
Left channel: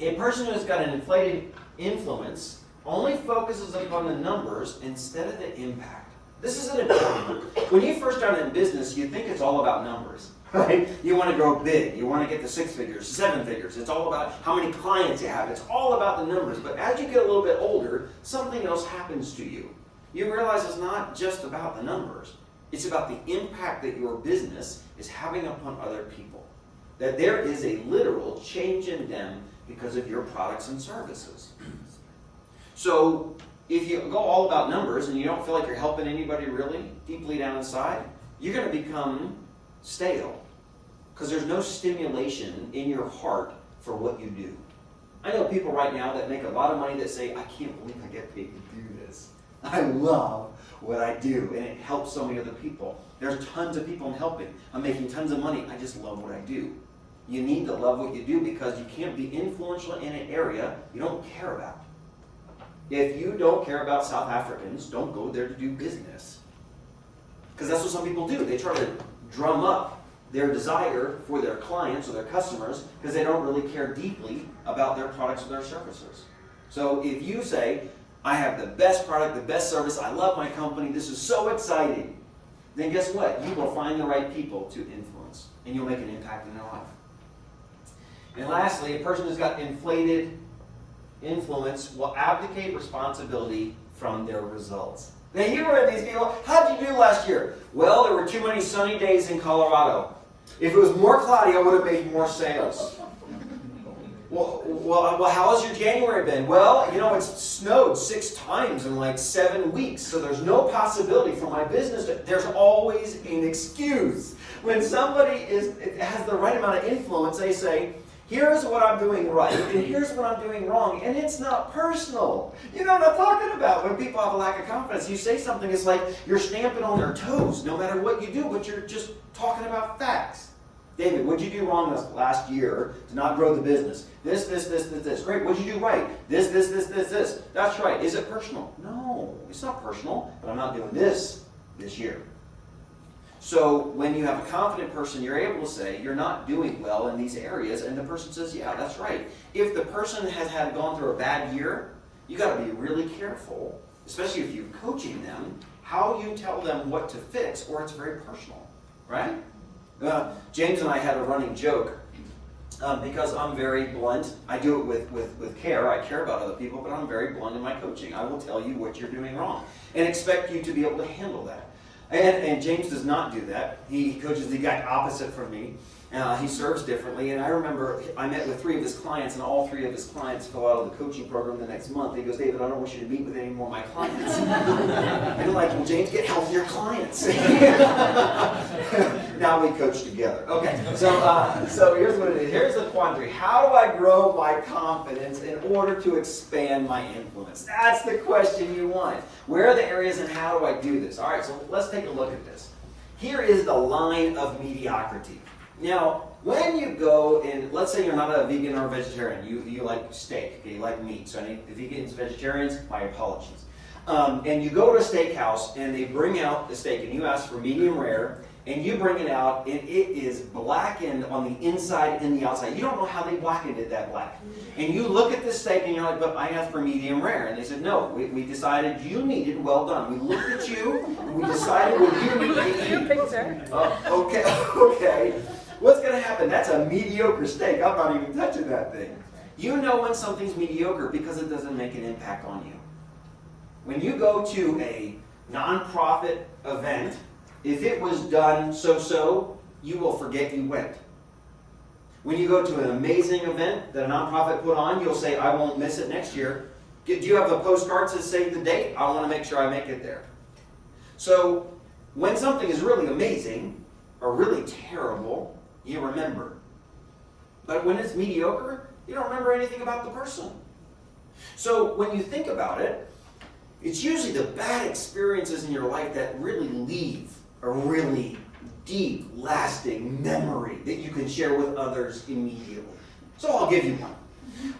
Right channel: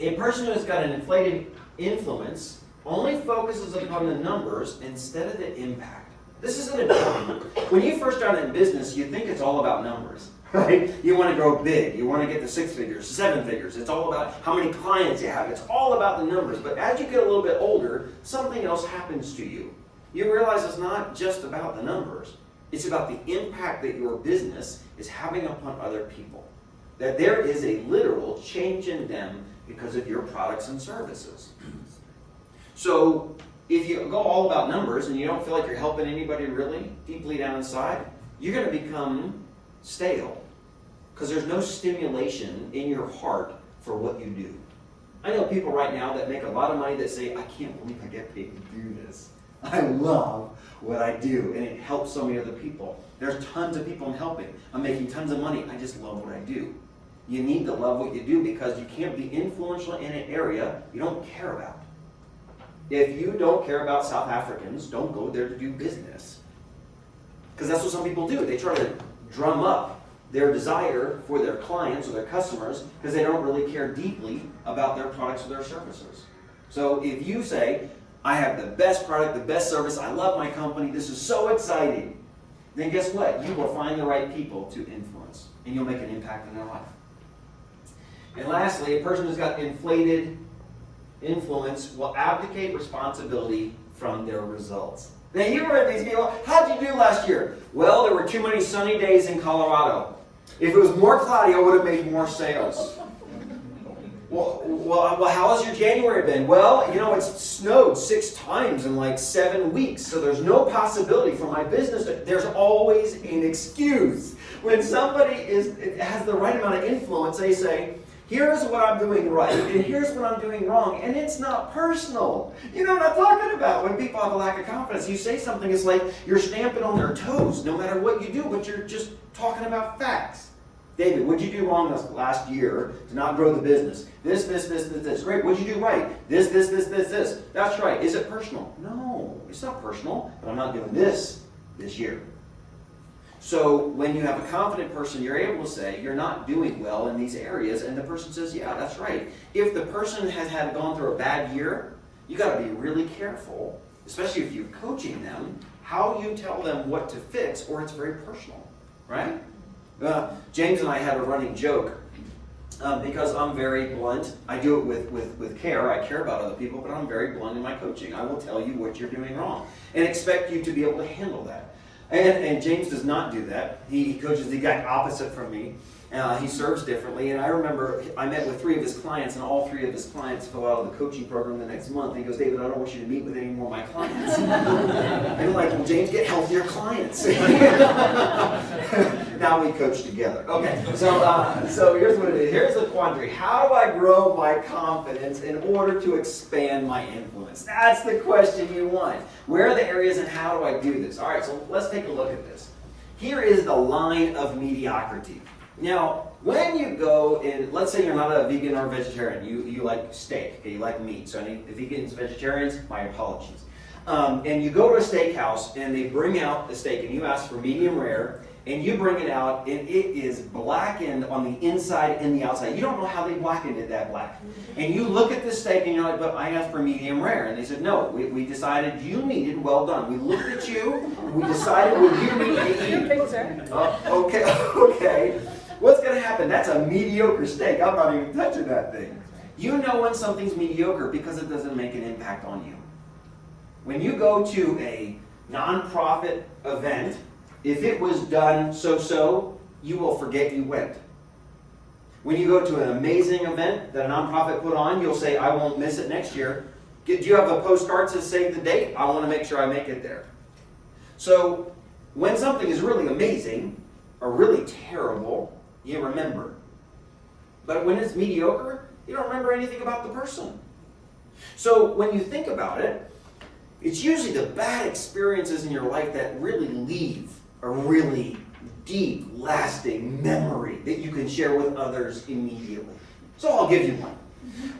a person who's got an inflated influence only focuses upon the numbers instead of the impact. This is an important one. When you first start in business, you think it's all about numbers. Right? You want to grow big. You want to get to 6 figures, 7 figures. It's all about how many clients you have. It's all about the numbers. But as you get a little bit older, something else happens to you. You realize it's not just about the numbers. It's about the impact that your business is having upon other people. That there is a literal change in them because of your products and services. So if you go all about numbers and you don't feel like you're helping anybody really deeply down inside, you're going to become stale. Because there's no stimulation in your heart for what you do. I know people right now that make a lot of money that say, I can't believe I get paid to do this. I love what I do, and it helps so many other people. There's tons of people I'm helping. I'm making tons of money. I just love what I do. You need to love what you do because you can't be influential in an area you don't care about. If you don't care about South Africans, don't go there to do business. Because that's what some people do. They try to drum up their desire for their clients or their customers because they don't really care deeply about their products or their services. So if you say, I have the best product, the best service, I love my company, this is so exciting, then guess what? You will find the right people to influence and you'll make an impact in their life. And lastly, a person who's got inflated influence will abdicate responsibility from their results. Now you heard these people, how'd you do last year? Well, there were too many sunny days in Colorado. If it was more cloudy, I would have made more sales. Well, how has your January been? Well, it's snowed 6 times in like 7 weeks, so there's no possibility for my business. There's always an excuse. When somebody has the right amount of influence, they say, here's what I'm doing right, and here's what I'm doing wrong, and it's not personal. You know what I'm talking about? When people have a lack of confidence, you say something, it's like you're stamping on their toes, no matter what you do, but you're just talking about facts. David, what'd you do wrong this last year to not grow the business? This. Great, what'd you do right? This. That's right. Is it personal? No, it's not personal, but I'm not doing this year. So when you have a confident person, you're able to say, you're not doing well in these areas, and the person says, yeah, that's right. If the person has gone through a bad year, you got to be really careful, especially if you're coaching them, how you tell them what to fix, or it's very personal, right? James and I had a running joke, because I'm very blunt. I do it with care. I care about other people, but I'm very blunt in my coaching. I will tell you what you're doing wrong and expect you to be able to handle that. And James does not do that. He coaches the exact opposite from me. He serves differently, and I remember I met with 3 of his clients, and all 3 of his clients fell out of the coaching program the next month. He goes, David, I don't want you to meet with any more of my clients. And I'm like, well, James, get healthier clients. Now we coach together. Okay, so here's what it is. Here's the quandary. How do I grow my confidence in order to expand my influence? That's the question you want. Where are the areas and how do I do this? All right, so let's take a look at this. Here is the line of mediocrity. Now, when you go and, let's say you're not a vegan or a vegetarian, you like steak, okay, you like meat. So any vegans, vegetarians, my apologies. And you go to a steakhouse and they bring out the steak and you ask for medium rare and you bring it out and it is blackened on the inside and the outside. You don't know how they blackened it that black. And you look at this steak and you're like, but I asked for medium rare. And they said, no, we decided you needed well done. We looked at you and we decided what you need to eat. Okay. What's going to happen? That's a mediocre steak. I'm not even touching that thing. You know when something's mediocre because it doesn't make an impact on you. When you go to a nonprofit event, if it was done so-so, you will forget you went. When you go to an amazing event that a nonprofit put on, you'll say, I won't miss it next year. Do you have a postcard to save the date? I want to make sure I make it there. So when something is really amazing or really terrible, you remember. But when it's mediocre, you don't remember anything about the person. So when you think about it, it's usually the bad experiences in your life that really leave a really deep, lasting memory that you can share with others immediately. So I'll give you one.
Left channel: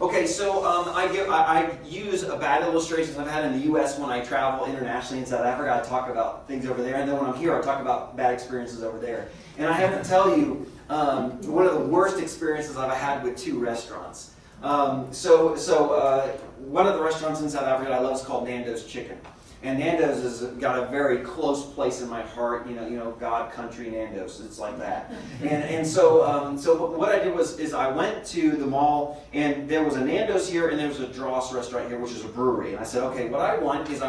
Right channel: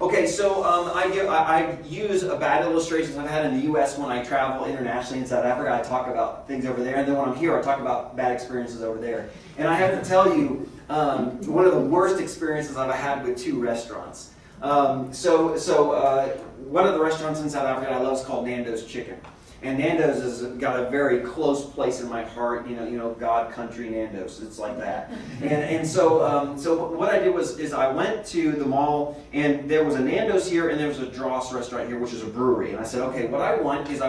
Okay, so I use a bad illustrations I've had in the U.S. when I travel internationally in South Africa. I talk about things over there, and then when I'm here, I talk about bad experiences over there. And I have to tell you, one of the worst experiences I've had with 2 restaurants. One of the restaurants in South Africa I love is called Nando's Chicken. And Nando's has got a very close place in my heart, you know, God, country, Nando's, it's like that. So what I did is I went to the mall, and there was a Nando's here, and there was a Dross restaurant here, which is a brewery. And I said, okay, what I want is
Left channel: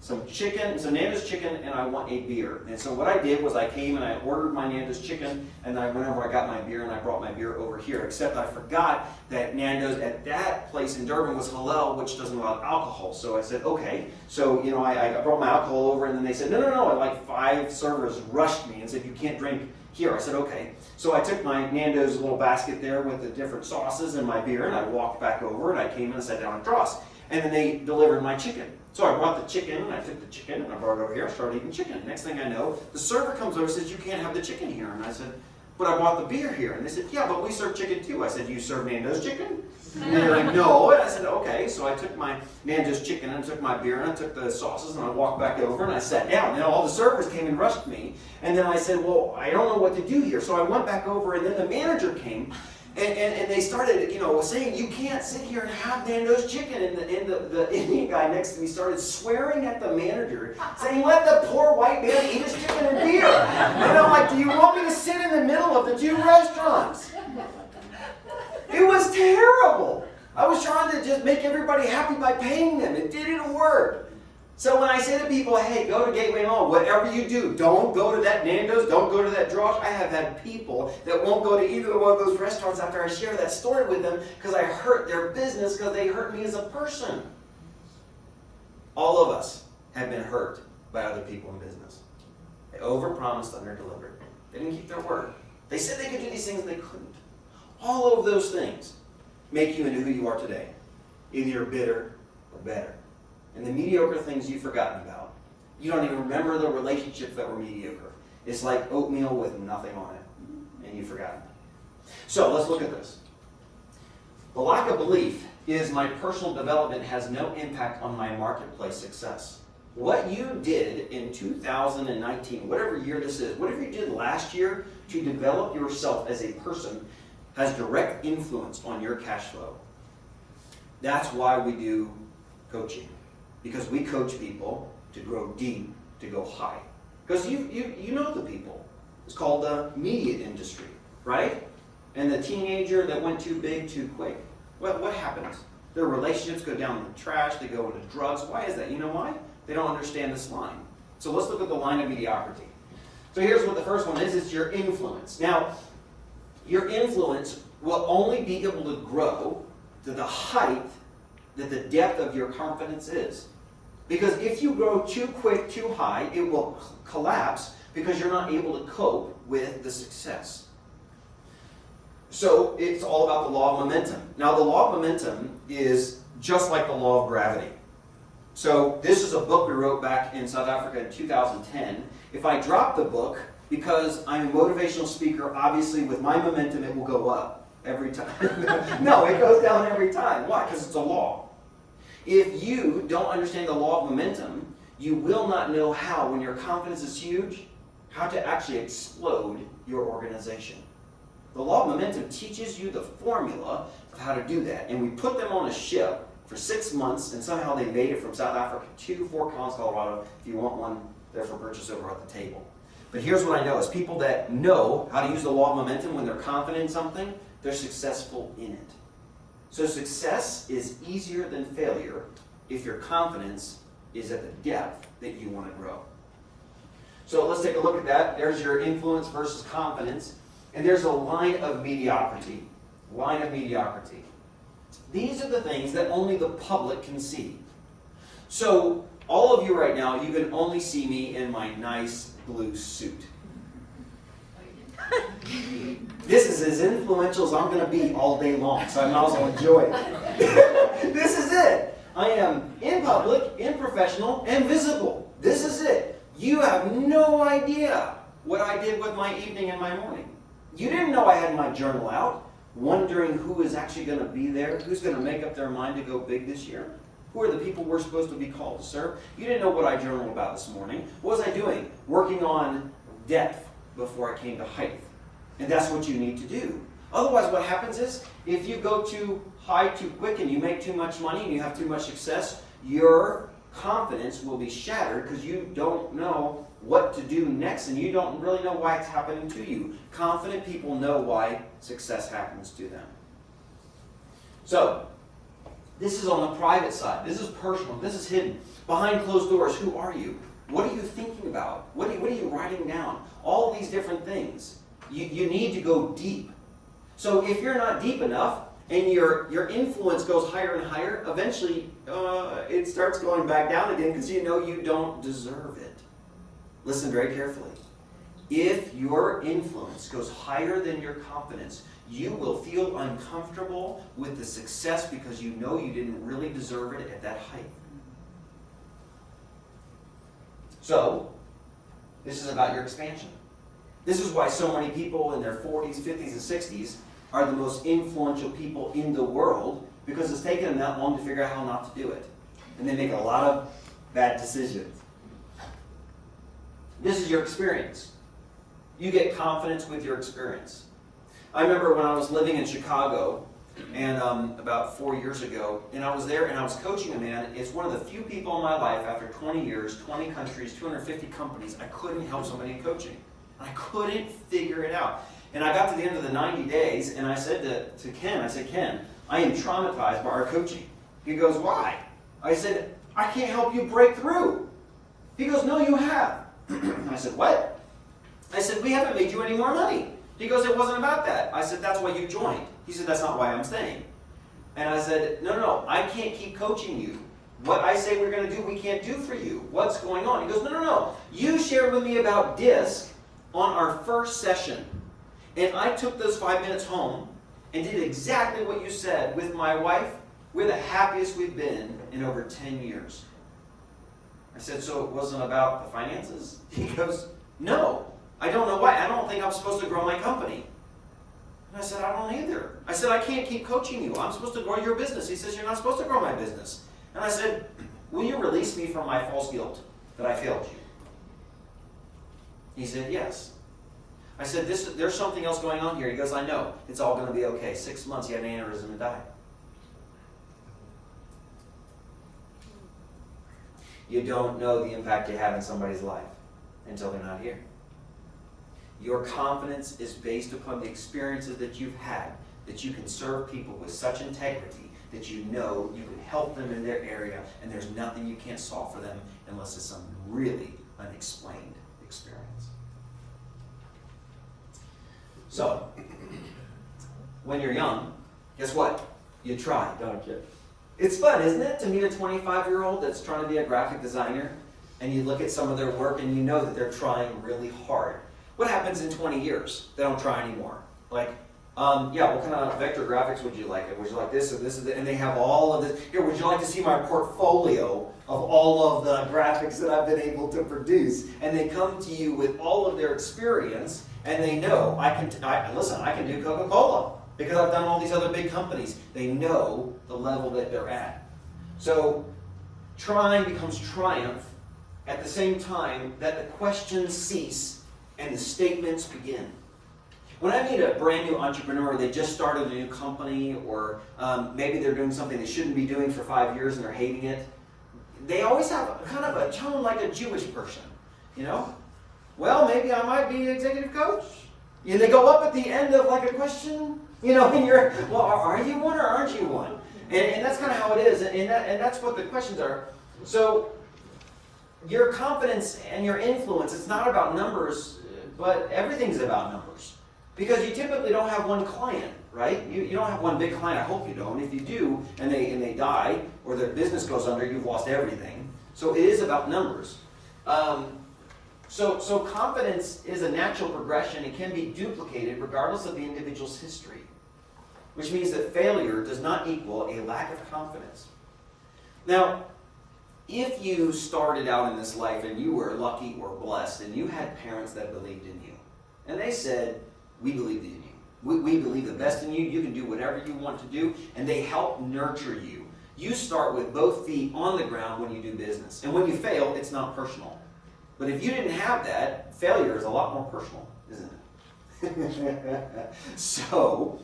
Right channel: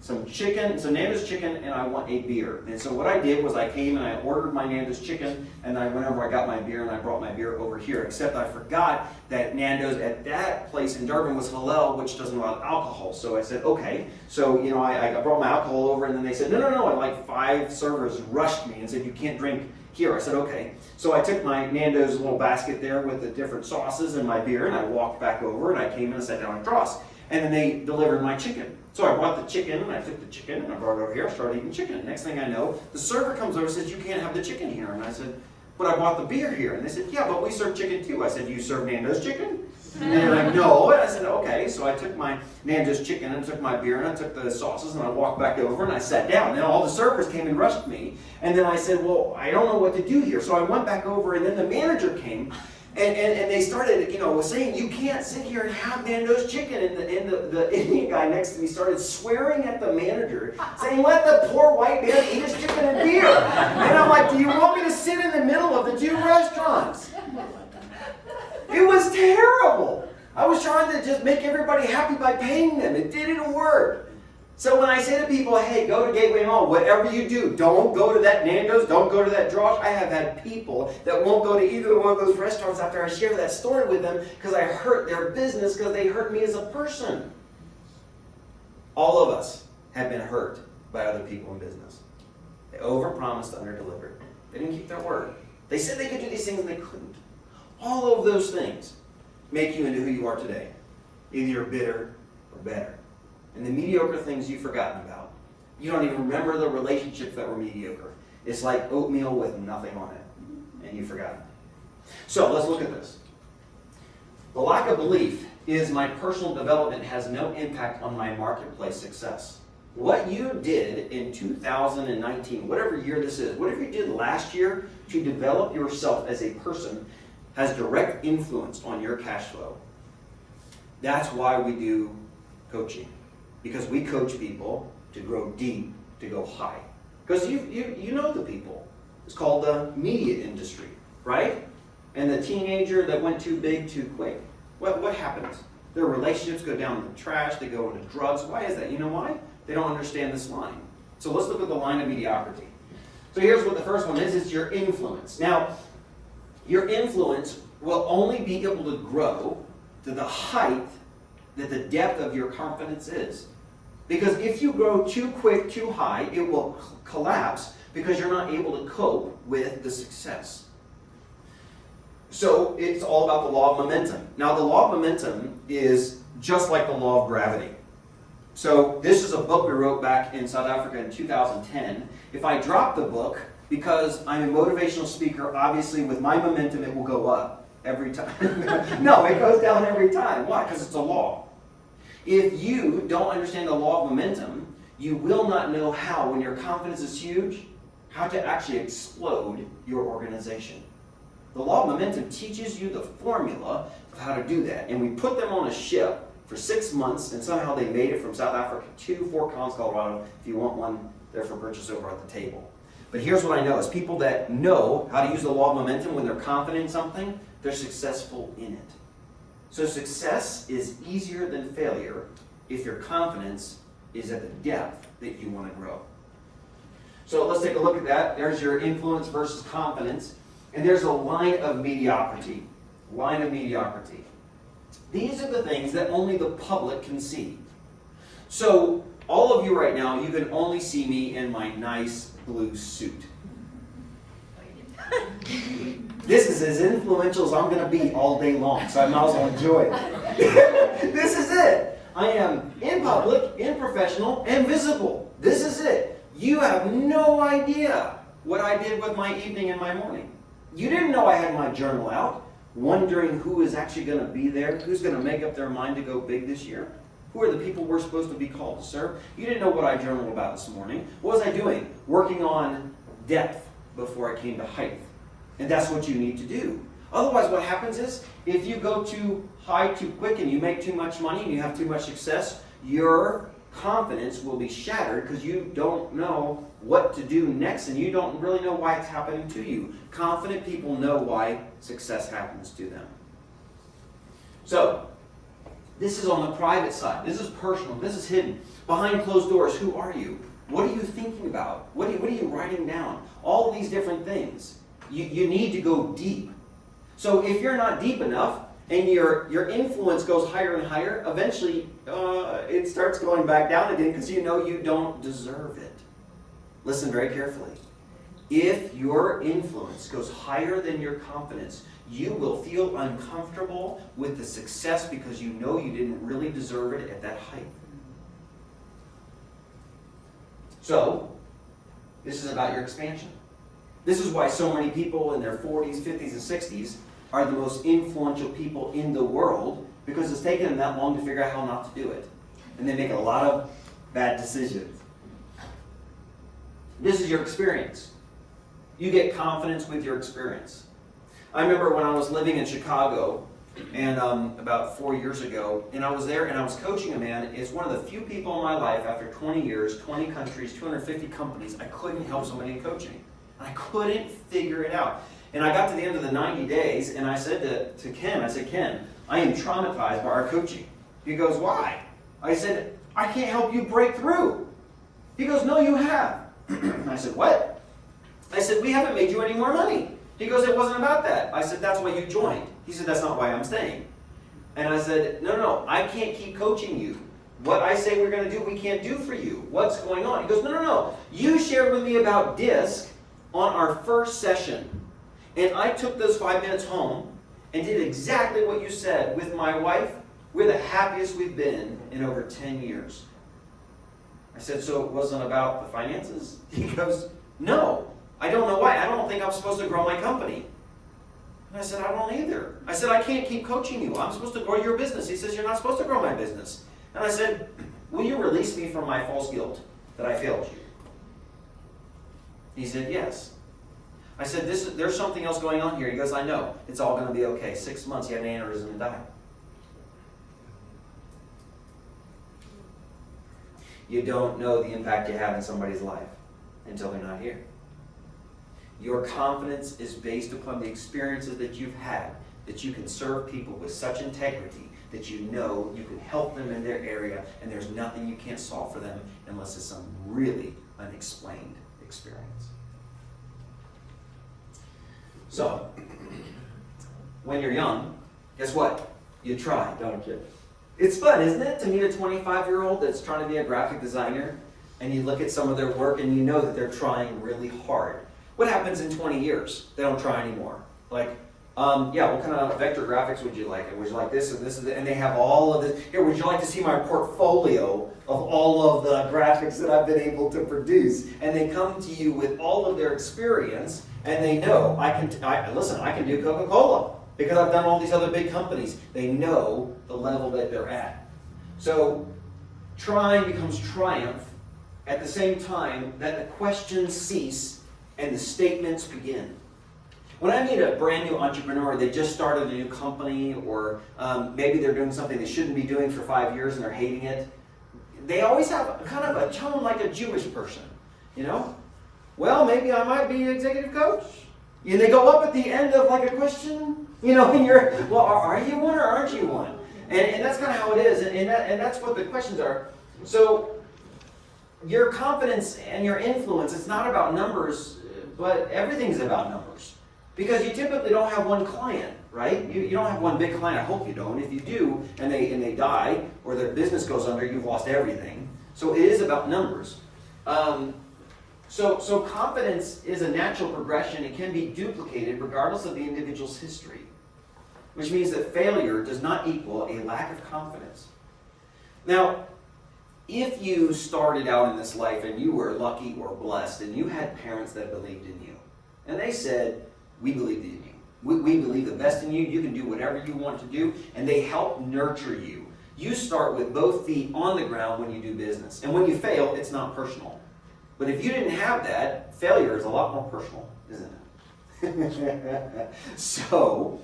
some chicken, some Nando's chicken, and I want a beer. And so what I did was I came and I ordered my Nando's chicken, and I went over, I got my beer, and I brought my beer over here. Except I forgot that Nando's at that place in Durban was halal, which doesn't allow alcohol. So I said, okay. So, you know, I brought my alcohol over, and then they said, no. And like 5 servers rushed me and said, you can't drink here. I said, okay. So I took my Nando's little basket there with the different sauces and my beer, and I walked back over, and I came in and sat down at Dross. And then they delivered my chicken. So I brought the chicken, and I took the chicken, and I brought it over here, I started eating chicken. Next thing I know, the server comes over and says, you can't have the chicken here. And I said, but I bought the beer here. And they said, yeah, but we serve chicken too. I said, do you serve Nando's chicken? And they're like, no. And I said, okay. So I took my Nando's chicken, and I took my beer, and I took the sauces, and I walked back over, and I sat down. And all the servers came and rushed me. And then I said, well, I don't know what to do here. So I went back over, and then the manager came. And they started, you know, saying, you can't sit here and have Nando's chicken. And the Indian guy next to me started swearing at the manager, saying, let the poor white man eat his chicken and beer. And I'm like, do you want me to sit in the middle of the 2 restaurants? It was terrible. I was trying to just make everybody happy by paying them. It didn't work. So when I say to people, hey, go to Gateway Mall, whatever you do, don't go to that Nando's, don't go to that Dross. I have had people that won't go to either one of those restaurants after I share that story with them because I hurt their business because they hurt me as a person. All of us have been hurt by other people in business. They overpromised, underdelivered. They didn't keep their word. They said they could do these things and they couldn't. All of those things make you into who you are today. Either you're bitter or better. And the mediocre things you've forgotten about. You don't even remember the relationships that were mediocre. It's like oatmeal with nothing on it. And you've forgotten. So let's look at this. The lack of belief is my personal development has no impact on my marketplace success. What you did in 2019, whatever year this is, whatever you did last year to develop yourself as a person has direct influence on your cash flow. That's why we do coaching. Because we coach people to grow deep, to go high. Because you know the people. It's called the media industry, right? And the teenager that went too big too quick. What happens? Their relationships go down the trash, they go into drugs. Why is that? You know why? They don't understand this line. So let's look at the line of mediocrity. So here's what the first one is. It's your influence. Now, your influence will only be able to grow to the height that the depth of your confidence is. Because if you grow too quick, too high, it will collapse because you're not able to cope with the success. So it's all about the law of momentum. Now the law of momentum is just like the law of gravity. So this is a book we wrote back in South Africa in 2010. If I drop the book, because I'm a motivational speaker, obviously with my momentum it will go up every time. No, it goes down every time. Why? Because it's a law. If you don't understand the law of momentum, you will not know how, when your confidence is huge, how to actually explode your organization. The law of momentum teaches you the formula of how to do that. And we put them on a ship for 6 months, and somehow they made it from South Africa to Fort Collins, Colorado. If you want one, they're for purchase over at the table. But here's what I know, is people that know how to use the law of momentum when they're confident in something, they're successful in it. So success is easier than failure if your confidence is at the depth that you want to grow. So let's take a look at that. There's your influence versus confidence. And there's a line of mediocrity. Line of mediocrity. These are the things that only the public can see. So all of you right now, you can only see me in my nice blue suit. This is as influential as I'm going to be all day long, so I might as well enjoy it. This is it. I am in public, in professional, and visible. This is it. You have no idea what I did with my evening and my morning. You didn't know I had my journal out, wondering who is actually going to be there, who's going to make up their mind to go big this year, who are the people we're supposed to be called to serve. You didn't know what I journaled about this morning. What was I doing? Working on depth before I came to height. And that's what you need to do. Otherwise, what happens is, if you go too high too quick and you make too much money and you have too much success, your confidence will be shattered because you don't know what to do next and you don't really know why it's happening to you. Confident people know why success happens to them. So, this is on the private side. This is personal. This is hidden. Behind closed doors, who are you? What are you thinking about? What are you writing down? All of these different things. You need to go deep. So if you're not deep enough and your influence goes higher and higher, eventually it starts going back down again because you know you don't deserve it. Listen very carefully. If your influence goes higher than your confidence, you will feel uncomfortable with the success because you know you didn't really deserve it at that height. So, this is about your expansion. This is why so many people in their 40s, 50s, and 60s are the most influential people in the world, because it's taken them that long to figure out how not to do it. And they make a lot of bad decisions. This is your experience. You get confidence with your experience. I remember when I was living in Chicago, and about 4 years ago, and I was there and I was coaching a man. It's one of the few people in my life, after 20 years, 20 countries, 250 companies, I couldn't help somebody in coaching. I couldn't figure it out. And I got to the end of the 90 days, and I said to Ken, I said, Ken, I am traumatized by our coaching. He goes, why? I said, I can't help you break through. He goes, no, you have. I said, what? I said, we haven't made you any more money. He goes, it wasn't about that. I said, that's why you joined. He said, that's not why I'm staying. And I said, no, I can't keep coaching you. What I say we're going to do, we can't do for you. What's going on? He goes, no. You shared with me about DISC on our first session. And I took those 5 minutes home and did exactly what you said with my wife. We're the happiest we've been in over 10 years. I said, so it wasn't about the finances? He goes, no. I don't know why. I don't think I'm supposed to grow my company. And I said, I don't either. I said, I can't keep coaching you. I'm supposed to grow your business. He says, you're not supposed to grow my business. And I said, will you release me from my false guilt that I failed you? He said, yes. I said, there's something else going on here. He goes, I know. It's all going to be okay. 6 months, he had an aneurysm and died. You don't know the impact you have in somebody's life until they're not here. Your confidence is based upon the experiences that you've had, that you can serve people with such integrity that you know you can help them in their area, and there's nothing you can't solve for them unless it's some really unexplained experience. So, when you're young, guess what? You try, don't you? It's fun, isn't it, to meet a 25-year-old that's trying to be a graphic designer, and you look at some of their work and you know that they're trying really hard. What happens in 20 years? They don't try anymore. Like, yeah, what kind of vector graphics would you like? Would you like this and this and they have all of this. Here, would you like to see my portfolio of all of the graphics that I've been able to produce? And they come to you with all of their experience, and they know, I can do Coca-Cola because I've done all these other big companies. They know the level that they're at. So trying becomes triumph at the same time that the questions cease and the statements begin. When I meet a brand new entrepreneur, they just started a new company, or maybe they're doing something they shouldn't be doing for 5 years and they're hating it, they always have kind of a tone like a Jewish person, you know? Well, maybe I might be an executive coach. And they go up at the end of like a question, you know, and you're, well, are you one or aren't you one? And that's kind of how it is, and that's what the questions are. So your confidence and your influence, it's not about numbers, but everything's about numbers. Because you typically don't have one client, right? You don't have one big client. I hope you don't. If you do, and they die, or their business goes under, you've lost everything. So it is about numbers. So confidence is a natural progression. It can be duplicated regardless of the individual's history. Which means that failure does not equal a lack of confidence. Now, if you started out in this life and you were lucky or blessed, and you had parents that believed in you, and they said, we believe in you. We believe the best in you. You can do whatever you want to do. And they help nurture you. You start with both feet on the ground when you do business. And when you fail, it's not personal. But if you didn't have that, failure is a lot more personal, isn't it? So,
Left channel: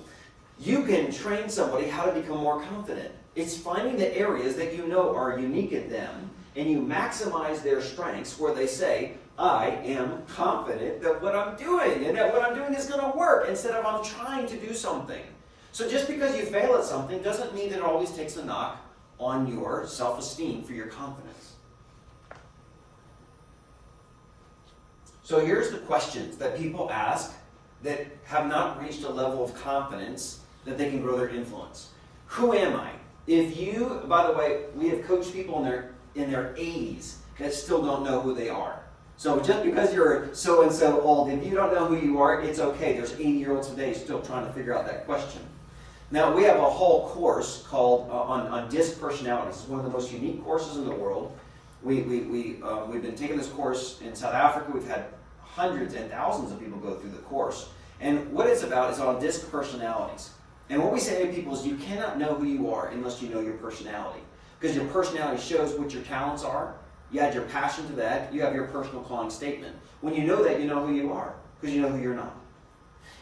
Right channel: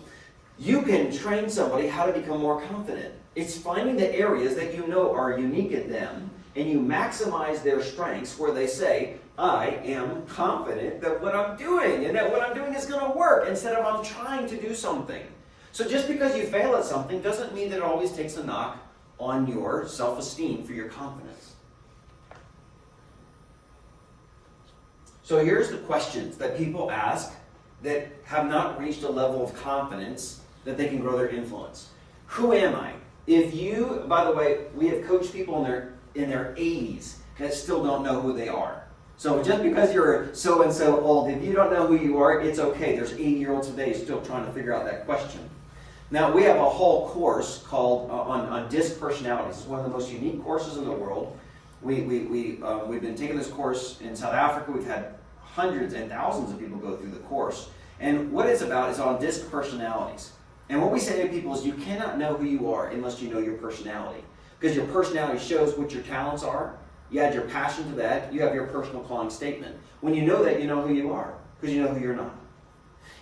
you can train somebody how to become more confident. It's finding the areas that you know are unique in them, and you maximize their strengths where they say, I am confident that what I'm doing and that what I'm doing is going to work, instead of I'm trying to do something. So just because you fail at something doesn't mean that it always takes a knock on your self-esteem for your confidence. So here's the questions that people ask that have not reached a level of confidence that they can grow their influence. Who am I? If you, by the way, we have coached people in their 80s that still don't know who they are. So just because you're so-and-so old, if you don't know who you are, it's okay. There's 80-year-olds today still trying to figure out that question. Now, we have a whole course called on DISC personalities. It's one of the most unique courses in the world. We've been taking this course in South Africa. We've had hundreds and thousands of people go through the course. And what it's about is on DISC personalities. And what we say to people is you cannot know who you are unless you know your personality. Because your personality shows what your talents are. You add your passion to that. You have your personal calling statement. When you know that, you know who you are. Because you know who you're not.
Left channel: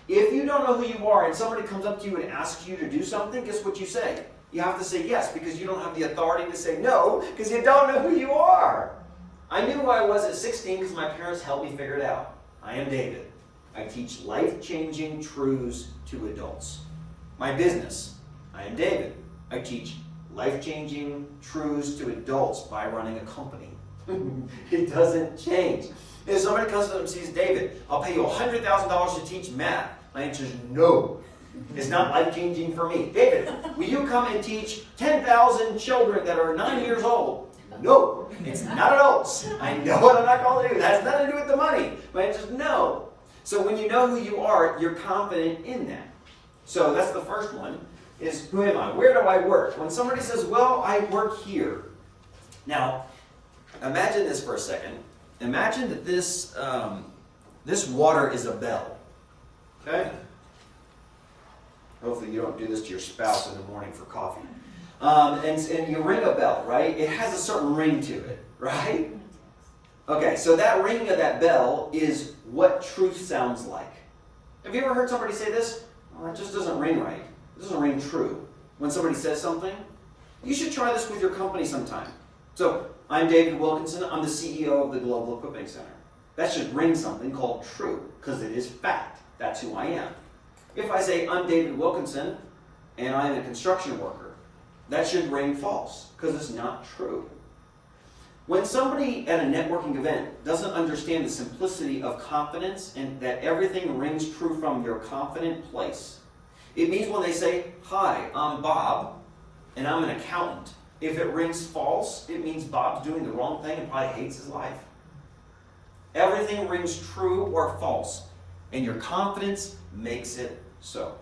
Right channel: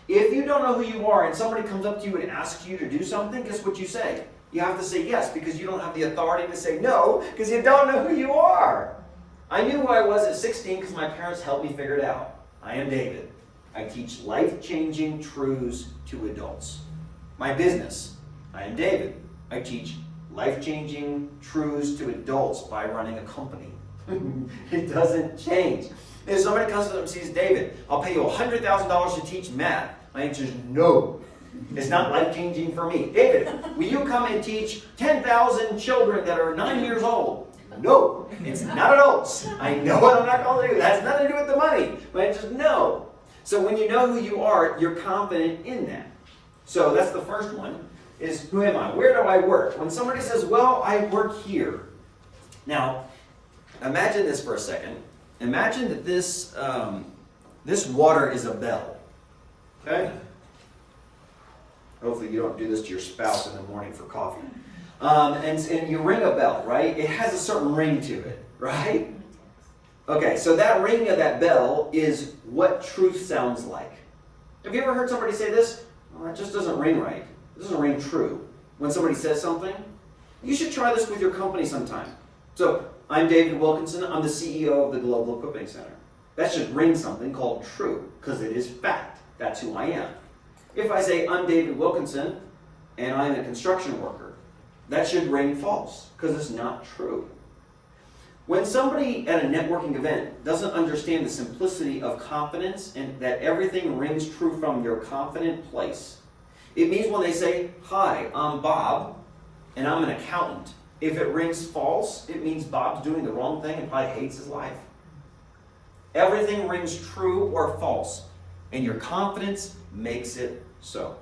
If you don't know who you are and somebody comes up to you and asks you to do something, guess what you say? You have to say yes, because you don't have the authority to say no, because you don't know who you are. I knew who I was at 16 because my parents helped me figure it out. I am David. I teach life-changing truths to adults. My business, I am David. I teach life-changing truths to adults by running a company. It doesn't change. If somebody comes up and says, David, I'll pay you $100,000 to teach math. My answer is no. It's not life-changing for me. David, will you come and teach 10,000 children that are 9 years old? No, it's not adults. I know what I'm not going to do. That has nothing to do with the money. My answer is no. So when you know who you are, you're confident in that. So that's the first one, is who am I? Where do I work? When somebody says, well, I work here. Now, imagine this for a second. Imagine that this water is a bell. Okay? Hopefully you don't do this to your spouse in the morning for coffee. And you ring a bell, right? It has a certain ring to it, right? Okay, so that ring of that bell is what truth sounds like. Have you ever heard somebody say this? Well, it just doesn't ring right. It doesn't ring true. When somebody says something, you should try this with your company sometime. So, I'm David Wilkinson. I'm the CEO of the Global Equipping Center. That should ring something called true, because it is fact. That's who I am. If I say I'm David Wilkinson and I'm a construction worker, that should ring false, because it's not true. When somebody at a networking event doesn't understand the simplicity of confidence and that everything rings true from your confident place, it means when they say, "Hi, I'm Bob, and I'm an accountant." If it rings false, it means Bob's doing the wrong thing and probably hates his life. Everything rings true or false, and your confidence makes it so.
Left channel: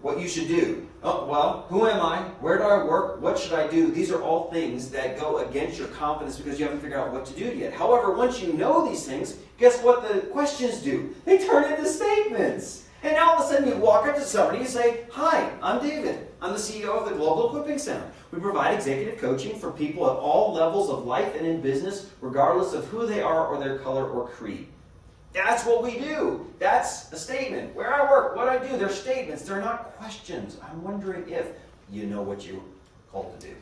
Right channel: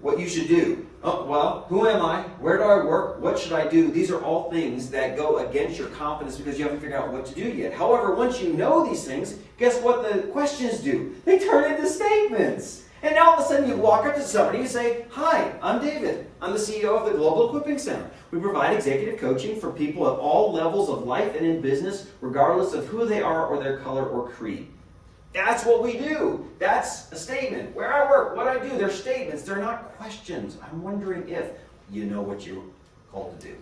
What you should do. Oh, well, who am I? Where do I work? What should I do? These are all things that go against your confidence because you haven't figured out what to do yet. However, once you know these things, guess what the questions do? They turn into statements. And now all of a sudden you walk up to somebody and you say, "Hi, I'm David. I'm the CEO of the Global Equipping Center. We provide executive coaching for people at all levels of life and in business, regardless of who they are or their color or creed." That's what we do. That's a statement. Where I work, what I do, they're statements. They're not questions. I'm wondering if you know what you're called to do.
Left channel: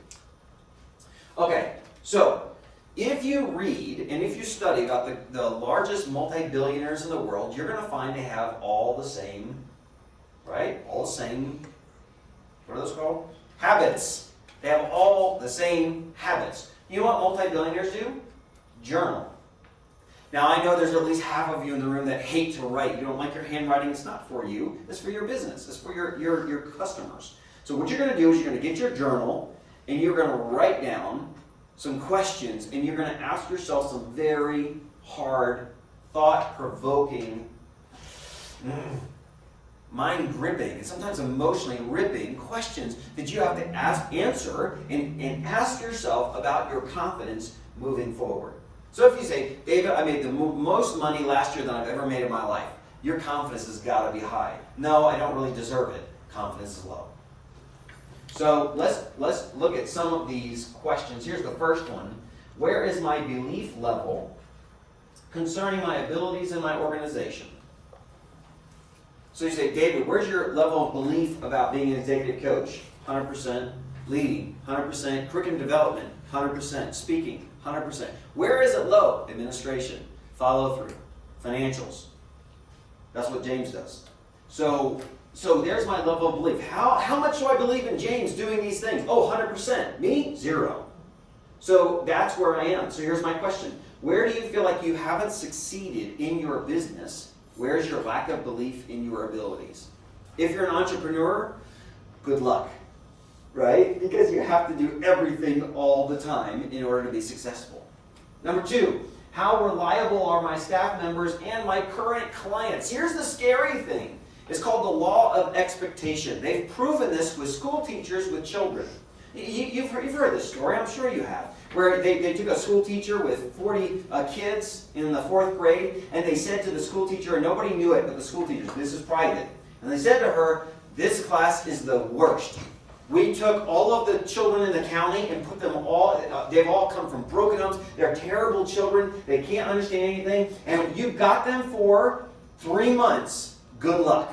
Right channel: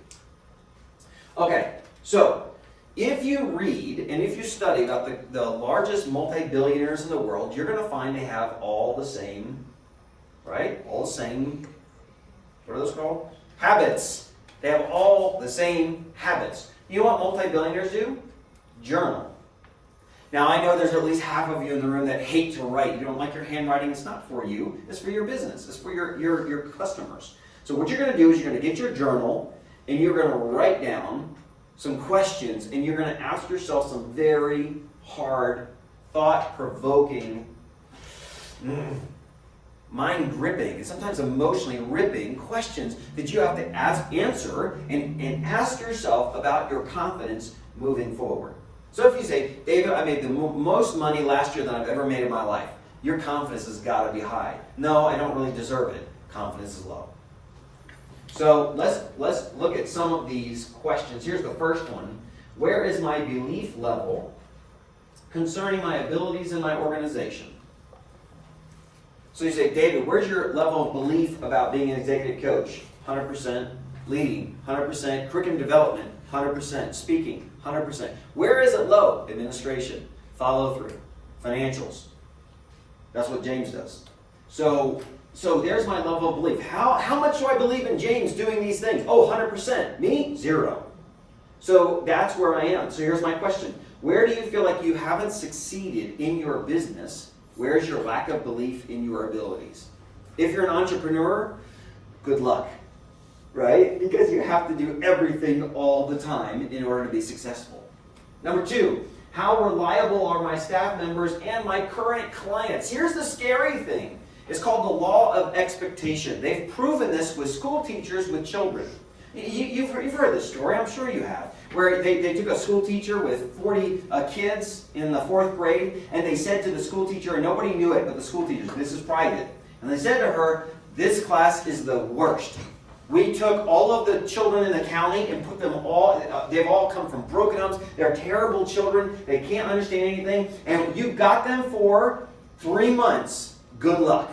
Okay, so if you read and if you study about the largest multi-billionaires in the world, you're going to find they have all the same, right? All the same, what are those called? Habits. They have all the same habits. You know what multi-billionaires do? Journal. Now, I know there's at least half of you in the room that hate to write. You don't like your handwriting. It's not for you. It's for your business. It's for your customers. So what you're going to do is you're going to get your journal and you're going to write down some questions and you're going to ask yourself some very hard, thought-provoking, mind-gripping, and sometimes emotionally ripping questions that you have to answer and ask yourself about your confidence moving forward. So if you say, "David, I made the most money last year than I've ever made in my life," your confidence has got to be high. "No, I don't really deserve it." Confidence is low. So let's look at some of these questions. Here's the first one. Where is my belief level concerning my abilities in my organization? So you say, "David, where's your level of belief about being an executive coach?" 100%. Leading, 100%. Curriculum development, 100%. Speaking, 100%. Where is it low? Administration, follow through, financials. That's what James does. So there's my level of belief. How much do I believe in James doing these things? Oh, 100%. Me? 0. So that's where I am. So here's my question. Where do you feel like you haven't succeeded in your business? Where's your lack of belief in your abilities? If you're an entrepreneur, good luck. Right? Because you have to do everything all the time in order to be successful. Number 2, how reliable are my staff members and my current clients? Here's the scary thing. It's called the law of expectation. They've proven this with school teachers with children. You've heard this story, I'm sure you have, where they took a school teacher with 40 kids in the 4th grade, and they said to the school teacher, and nobody knew it but the school teachers, this is private, and they said to her, "This class is the worst. We took all of the children in the county and put them all, they've all come from broken homes. They're terrible children. They can't understand anything. And you've got them for 3 months. Good luck."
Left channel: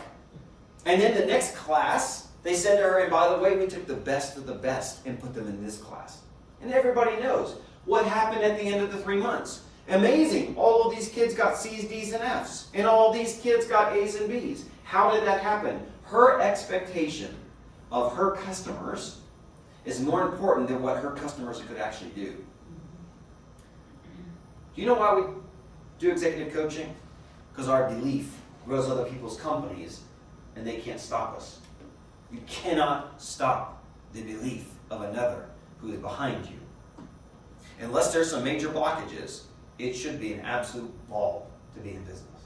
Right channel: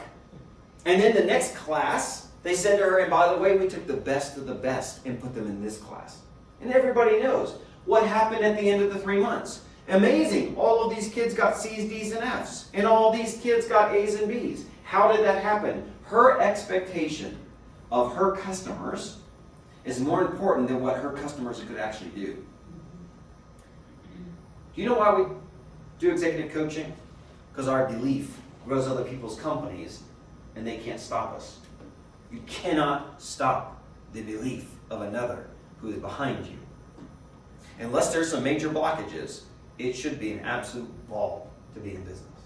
And then the next class, they said to her, "And by the way, we took the best of the best and put them in this class." And everybody knows what happened at the end of the 3 months. Amazing. All of these kids got C's, D's, and F's. And all these kids got A's and B's. How did that happen? Her expectation of her customers is more important than what her customers could actually do. Do you know why we do executive coaching? Because our belief grows other people's companies and they can't stop us. You cannot stop the belief of another who is behind you. Unless there's some major blockages, it should be an absolute ball to be in business.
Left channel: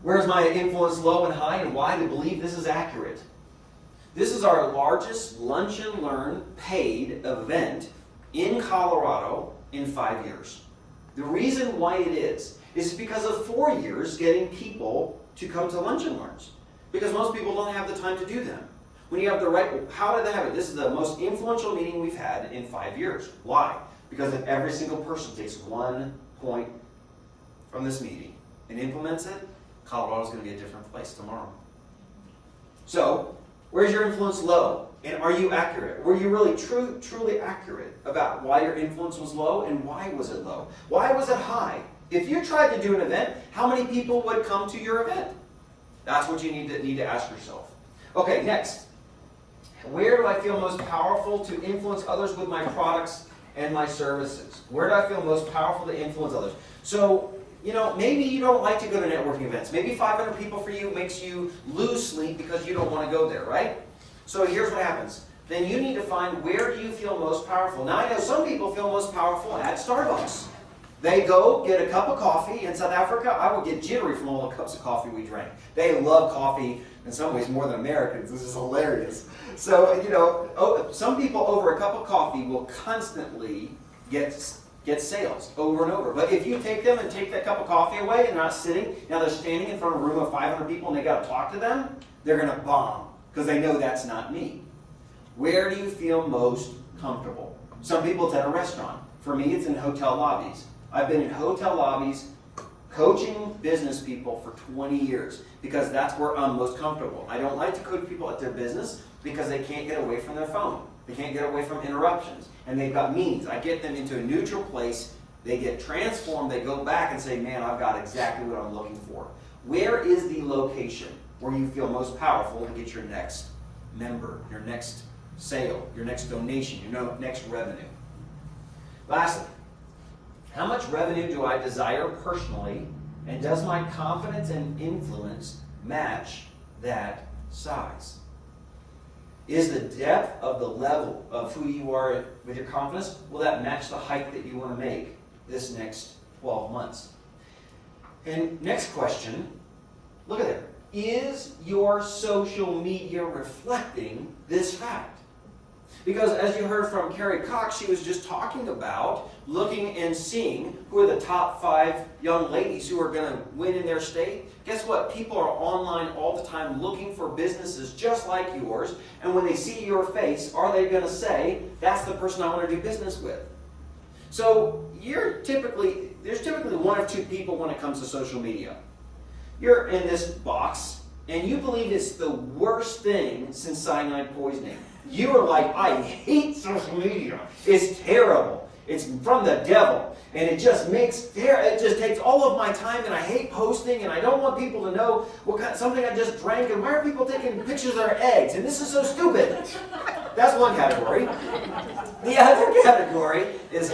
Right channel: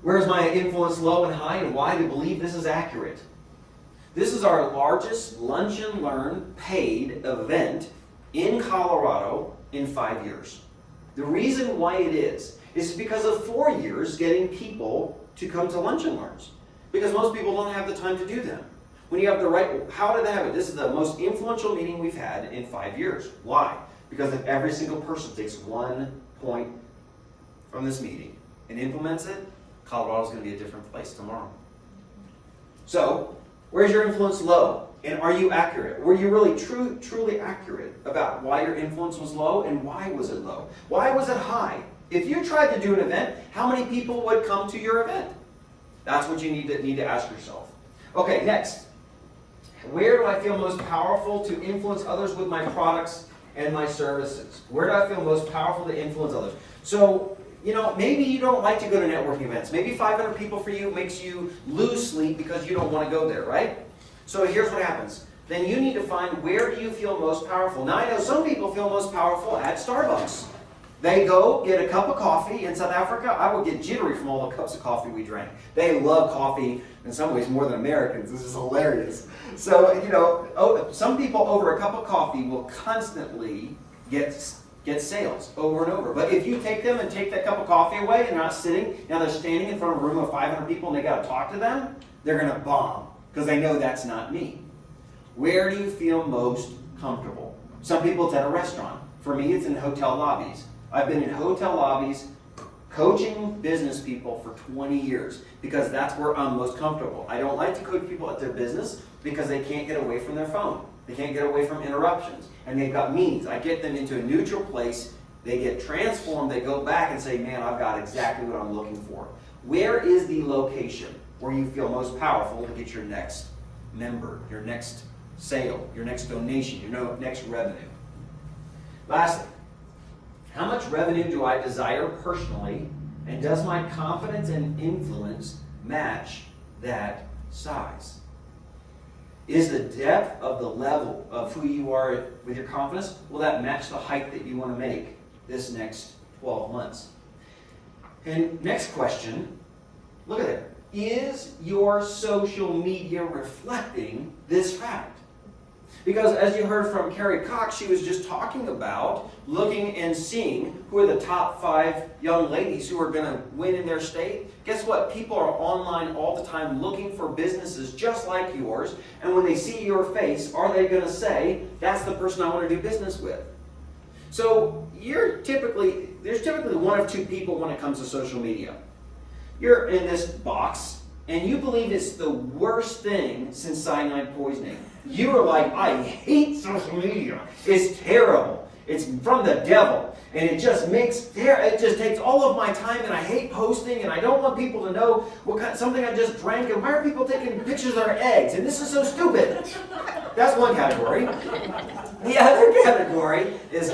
Where's my influence low and high, and why do you believe this is accurate? This is our largest Lunch and Learn paid event in Colorado in 5 years. The reason why it is because of 4 years getting people to come to Lunch and Learns. Because most people don't have the time to do them. When you have the right, how did they have it? This is the most influential meeting we've had in 5 years. Why? Because if every single person takes 1 point from this meeting and implements it, Colorado's going to be a different place tomorrow. So, where's your influence low? And are you accurate? Were you really truly accurate about why your influence was low and why was it low? Why was it high? If you tried to do an event, how many people would come to your event? That's what you need to ask yourself. Okay, next. Where do I feel most powerful to influence others with my products and my services? Where do I feel most powerful to influence others? So, maybe you don't like to go to networking events. Maybe 500 people for you makes you lose sleep because you don't want to go there, right? So here's what happens. Then you need to find where do you feel most powerful. Now I know some people feel most powerful at Starbucks. They go get a cup of coffee. In South Africa, I would get jittery from all the cups of coffee we drank. They love coffee in some ways more than Americans. This is hilarious. So, some people over a cup of coffee will constantly get sales over and over. But if you take them and take that cup of coffee away and they're not sitting, now they're standing in front of a room of 500 people and they got to talk to them, they're going to bomb because they know that's not me. Where do you feel most comfortable? Some people it's at a restaurant. For me, it's in hotel lobbies. I've been in hotel lobbies coaching business people for 20 years because that's where I'm most comfortable. I don't like to coach people at their business because they can't get away from their phone. They can't get away from interruptions. And they've got meetings. I get them into a neutral place. They get transformed. They go back and say, man, I've got exactly what I'm looking for. Where is the location where you feel most powerful to get your next member, your next sale, your next donation, your next revenue? Lastly, how much revenue do I desire personally, and does my confidence and influence match that size? Is the depth of the level of who you are with your confidence, will that match the height that you want to make this next 12 months? And next question, look at it. Is your social media reflecting this fact? Because as you heard from Carrie Cox, she was just talking about looking and seeing who are the top 5 young ladies who are going to win in their state. Guess what? People are online all the time looking for businesses just like yours. And when they see your face, are they going to say, that's the person I want to do business with? So there's typically one of two people when it comes to social media. You're in this box, and you believe it's the worst thing since cyanide poisoning. You are like, I hate social media. It's terrible. It's from the devil. And it just takes all of my time, and I hate posting, and I don't want people to know something I just drank, and why are people taking pictures of their eggs? And this is so stupid. That's one category. The other category is,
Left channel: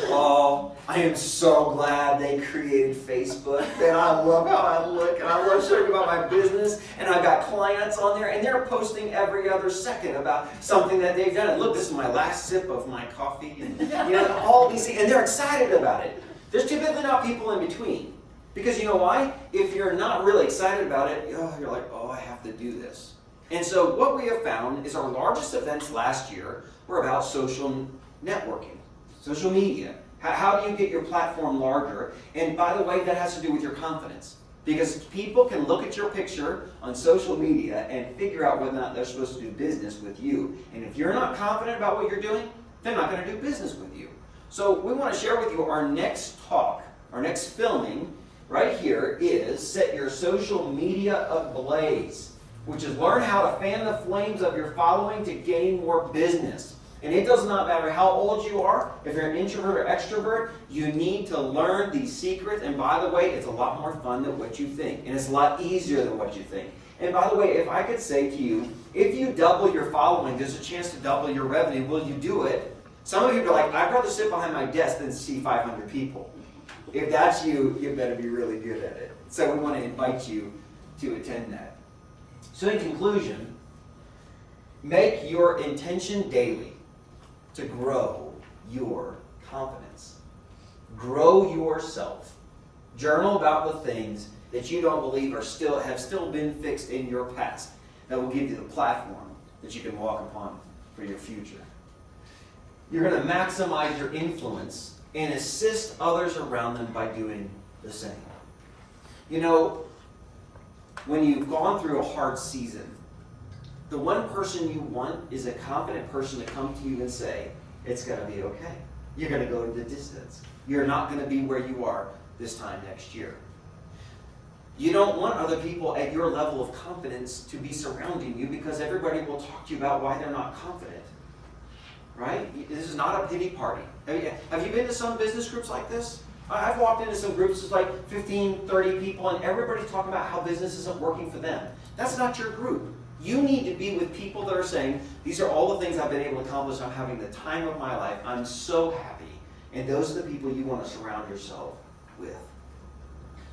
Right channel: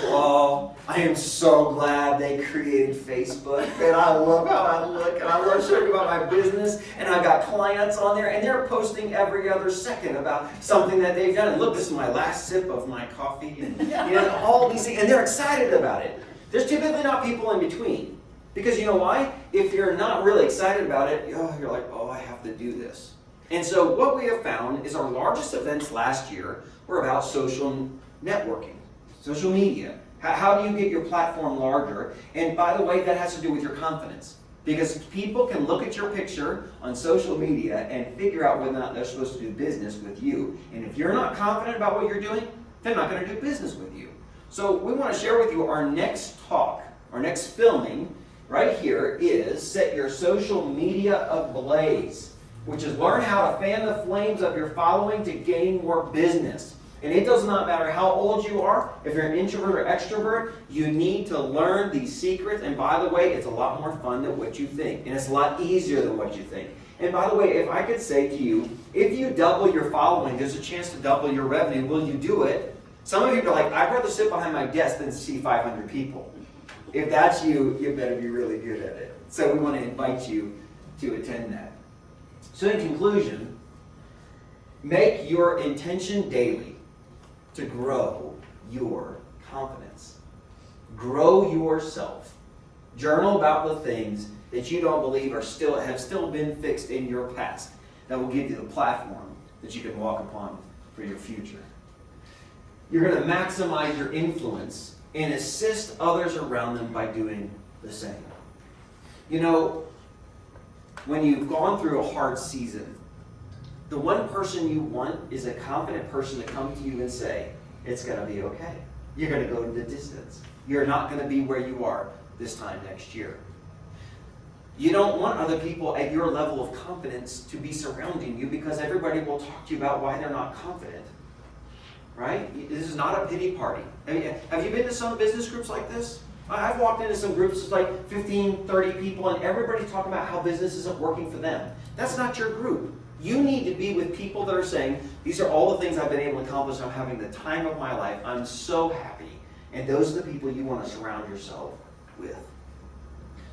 I am so glad they created Facebook, and I love how I look, and I love sharing about my business, and I've got clients on there, and they're posting every other second about something that they've done. And look, this is my last sip of my coffee, and all these things, and they're excited about it. There's typically not people in between. Because you know why? If you're not really excited about it, you're like, I have to do this. And so what we have found is our largest events last year were about social networking, social media. How do you get your platform larger? And by the way, that has to do with your confidence. Because people can look at your picture on social media and figure out whether or not they're supposed to do business with you. And if you're not confident about what you're doing, they're not going to do business with you. So we want to share with you our next talk, our next filming right here is Set Your Social Media Ablaze, which is learn how to fan the flames of your following to gain more business. And it does not matter how old you are, if you're an introvert or extrovert, you need to learn these secrets. And by the way, it's a lot more fun than what you think. And it's a lot easier than what you think. And by the way, if I could say to you, if you double your following, there's a chance to double your revenue. Will you do it? Some of you are like, I'd rather sit behind my desk than see 500 people. If that's you, you better be really good at it. So we want to invite you to attend that. So in conclusion, make your intention daily to grow your confidence. Grow yourself. Journal about the things that you don't believe have still been fixed in your past that will give you the platform that you can walk upon for your future. You're going to maximize your influence and assist others around them by doing the same. You know, when you've gone through a hard season, the one person you want is a confident person to come to you and say, it's going to be okay. You're going to go to the distance. You're not going to be where you are this time next year. You don't want other people at your level of confidence to be surrounding you because everybody will talk to you about why they're not confident. Right? This is not a pity party. Have you been to some business groups like this? I've walked into some groups with like 15, 30 people, and everybody's talking about how business isn't working for them. That's not your group. You need to be with people that are saying, these are all the things I've been able to accomplish. I'm having the time of my life. I'm so happy. And those are the people you want to surround yourself with.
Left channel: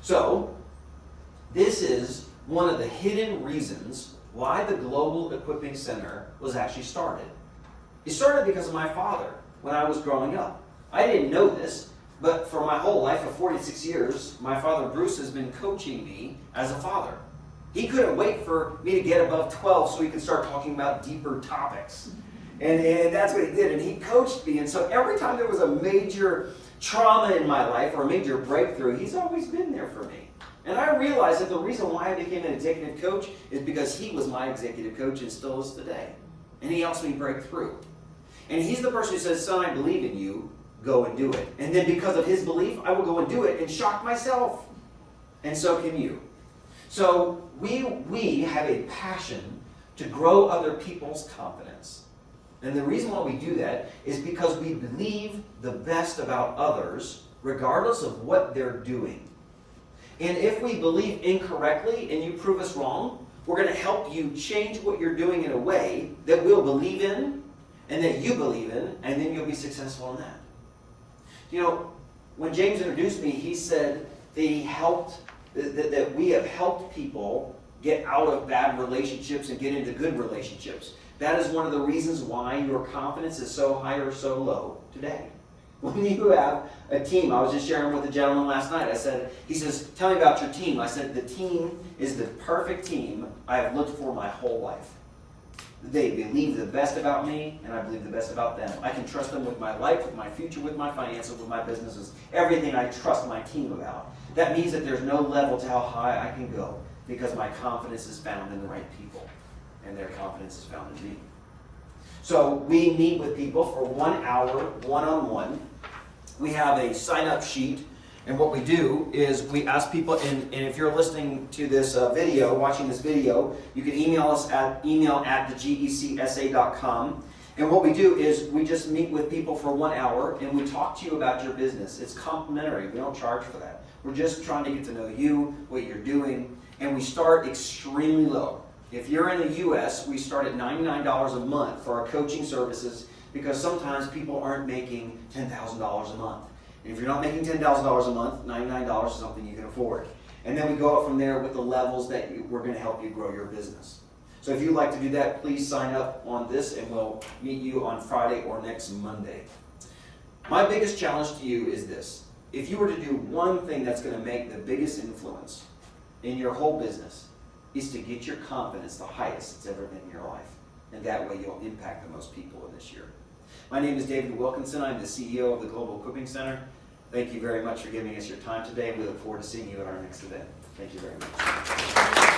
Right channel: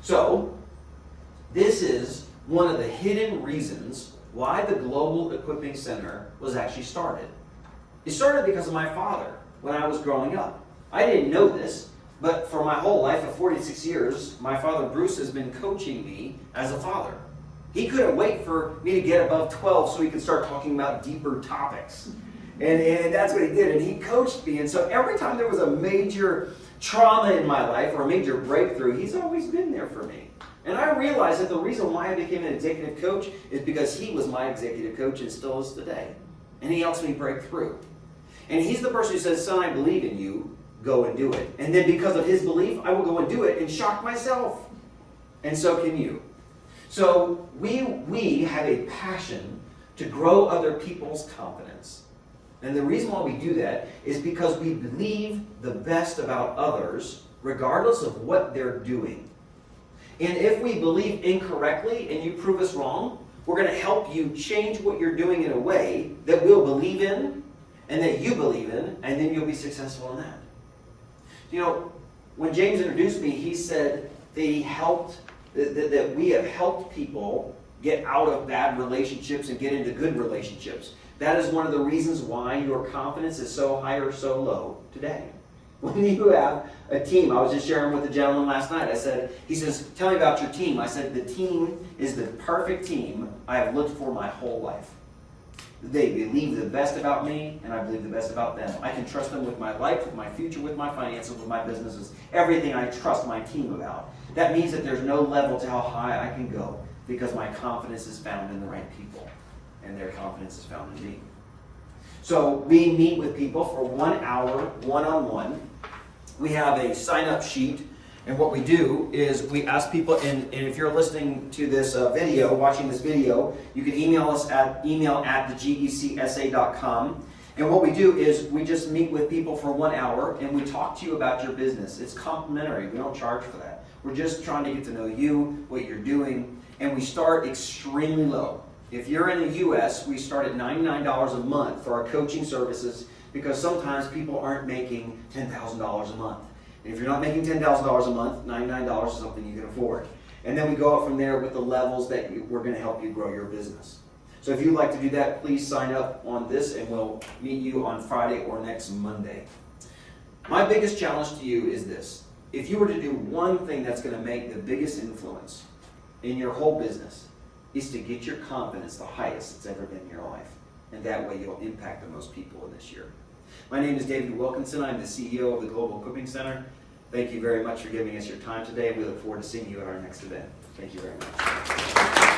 So, this is one of the hidden reasons why the Global Equipping Center was actually started. It started because of my father when I was growing up. I didn't know this, but for my whole life of 46 years, my father Bruce has been coaching me as a father. He couldn't wait for me to get above 12 so he could start talking about deeper topics. And that's what he did. And he coached me. And so every time there was a major trauma in my life or a major breakthrough, he's always been there for me. And I realized that the reason why I became an executive coach is because he was my executive coach and still is today. And he helps me break through. And he's the person who says, son, I believe in you. Go and do it. And then because of his belief, I will go and do it and shock myself. And so can you. So we have a passion to grow other people's confidence. And the reason why we do that is because we believe the best about others, regardless of what they're doing. And if we believe incorrectly and you prove us wrong, we're going to help you change what you're doing in a way that we'll believe in and that you believe in, and then you'll be successful in that. You know, when James introduced me, he said that we have helped people get out of bad relationships and get into good relationships. That is one of the reasons why your confidence is so high or so low today. When you have a team, I was just sharing with a gentleman last night. He says, tell me about your team. I said, the team is the perfect team I have looked for my whole life. They believe the best about me, and I believe the best about them. I can trust them with my life, with my future, with my finances, with my businesses, everything I trust my team about. That means that there's no level to how high I can go because my confidence is found in the right people, and their confidence is found in me. So we meet with people for 1 hour, one-on-one. We have a sign-up sheet. And what we do is we ask people, and if you're listening to this video, watching this video, you can email us at email@thegecsa.com. And what we do is we just meet with people for 1 hour and we talk to you about your business. It's complimentary. We don't charge for that. We're just trying to get to know you, what you're doing, and we start extremely low. If you're in the U.S., we start at $99 a month for our coaching services because sometimes people aren't making $10,000 a month. And if you're not making $10,000 a month, $99 is something you can afford. And then we go up from there with the levels that we're going to help you grow your business. So if you'd like to do that, please sign up on this and we'll meet you on Friday or next Monday. My biggest challenge to you is this. If you were to do one thing that's going to make the biggest influence in your whole business, is to get your confidence the highest it's ever been in your life. And that way you'll impact the most people in this year. My name is David Wilkinson. I'm the CEO of the Global Equipping Center. Thank you very much for giving us your time today. We look forward to seeing you at our next event. Thank you very much.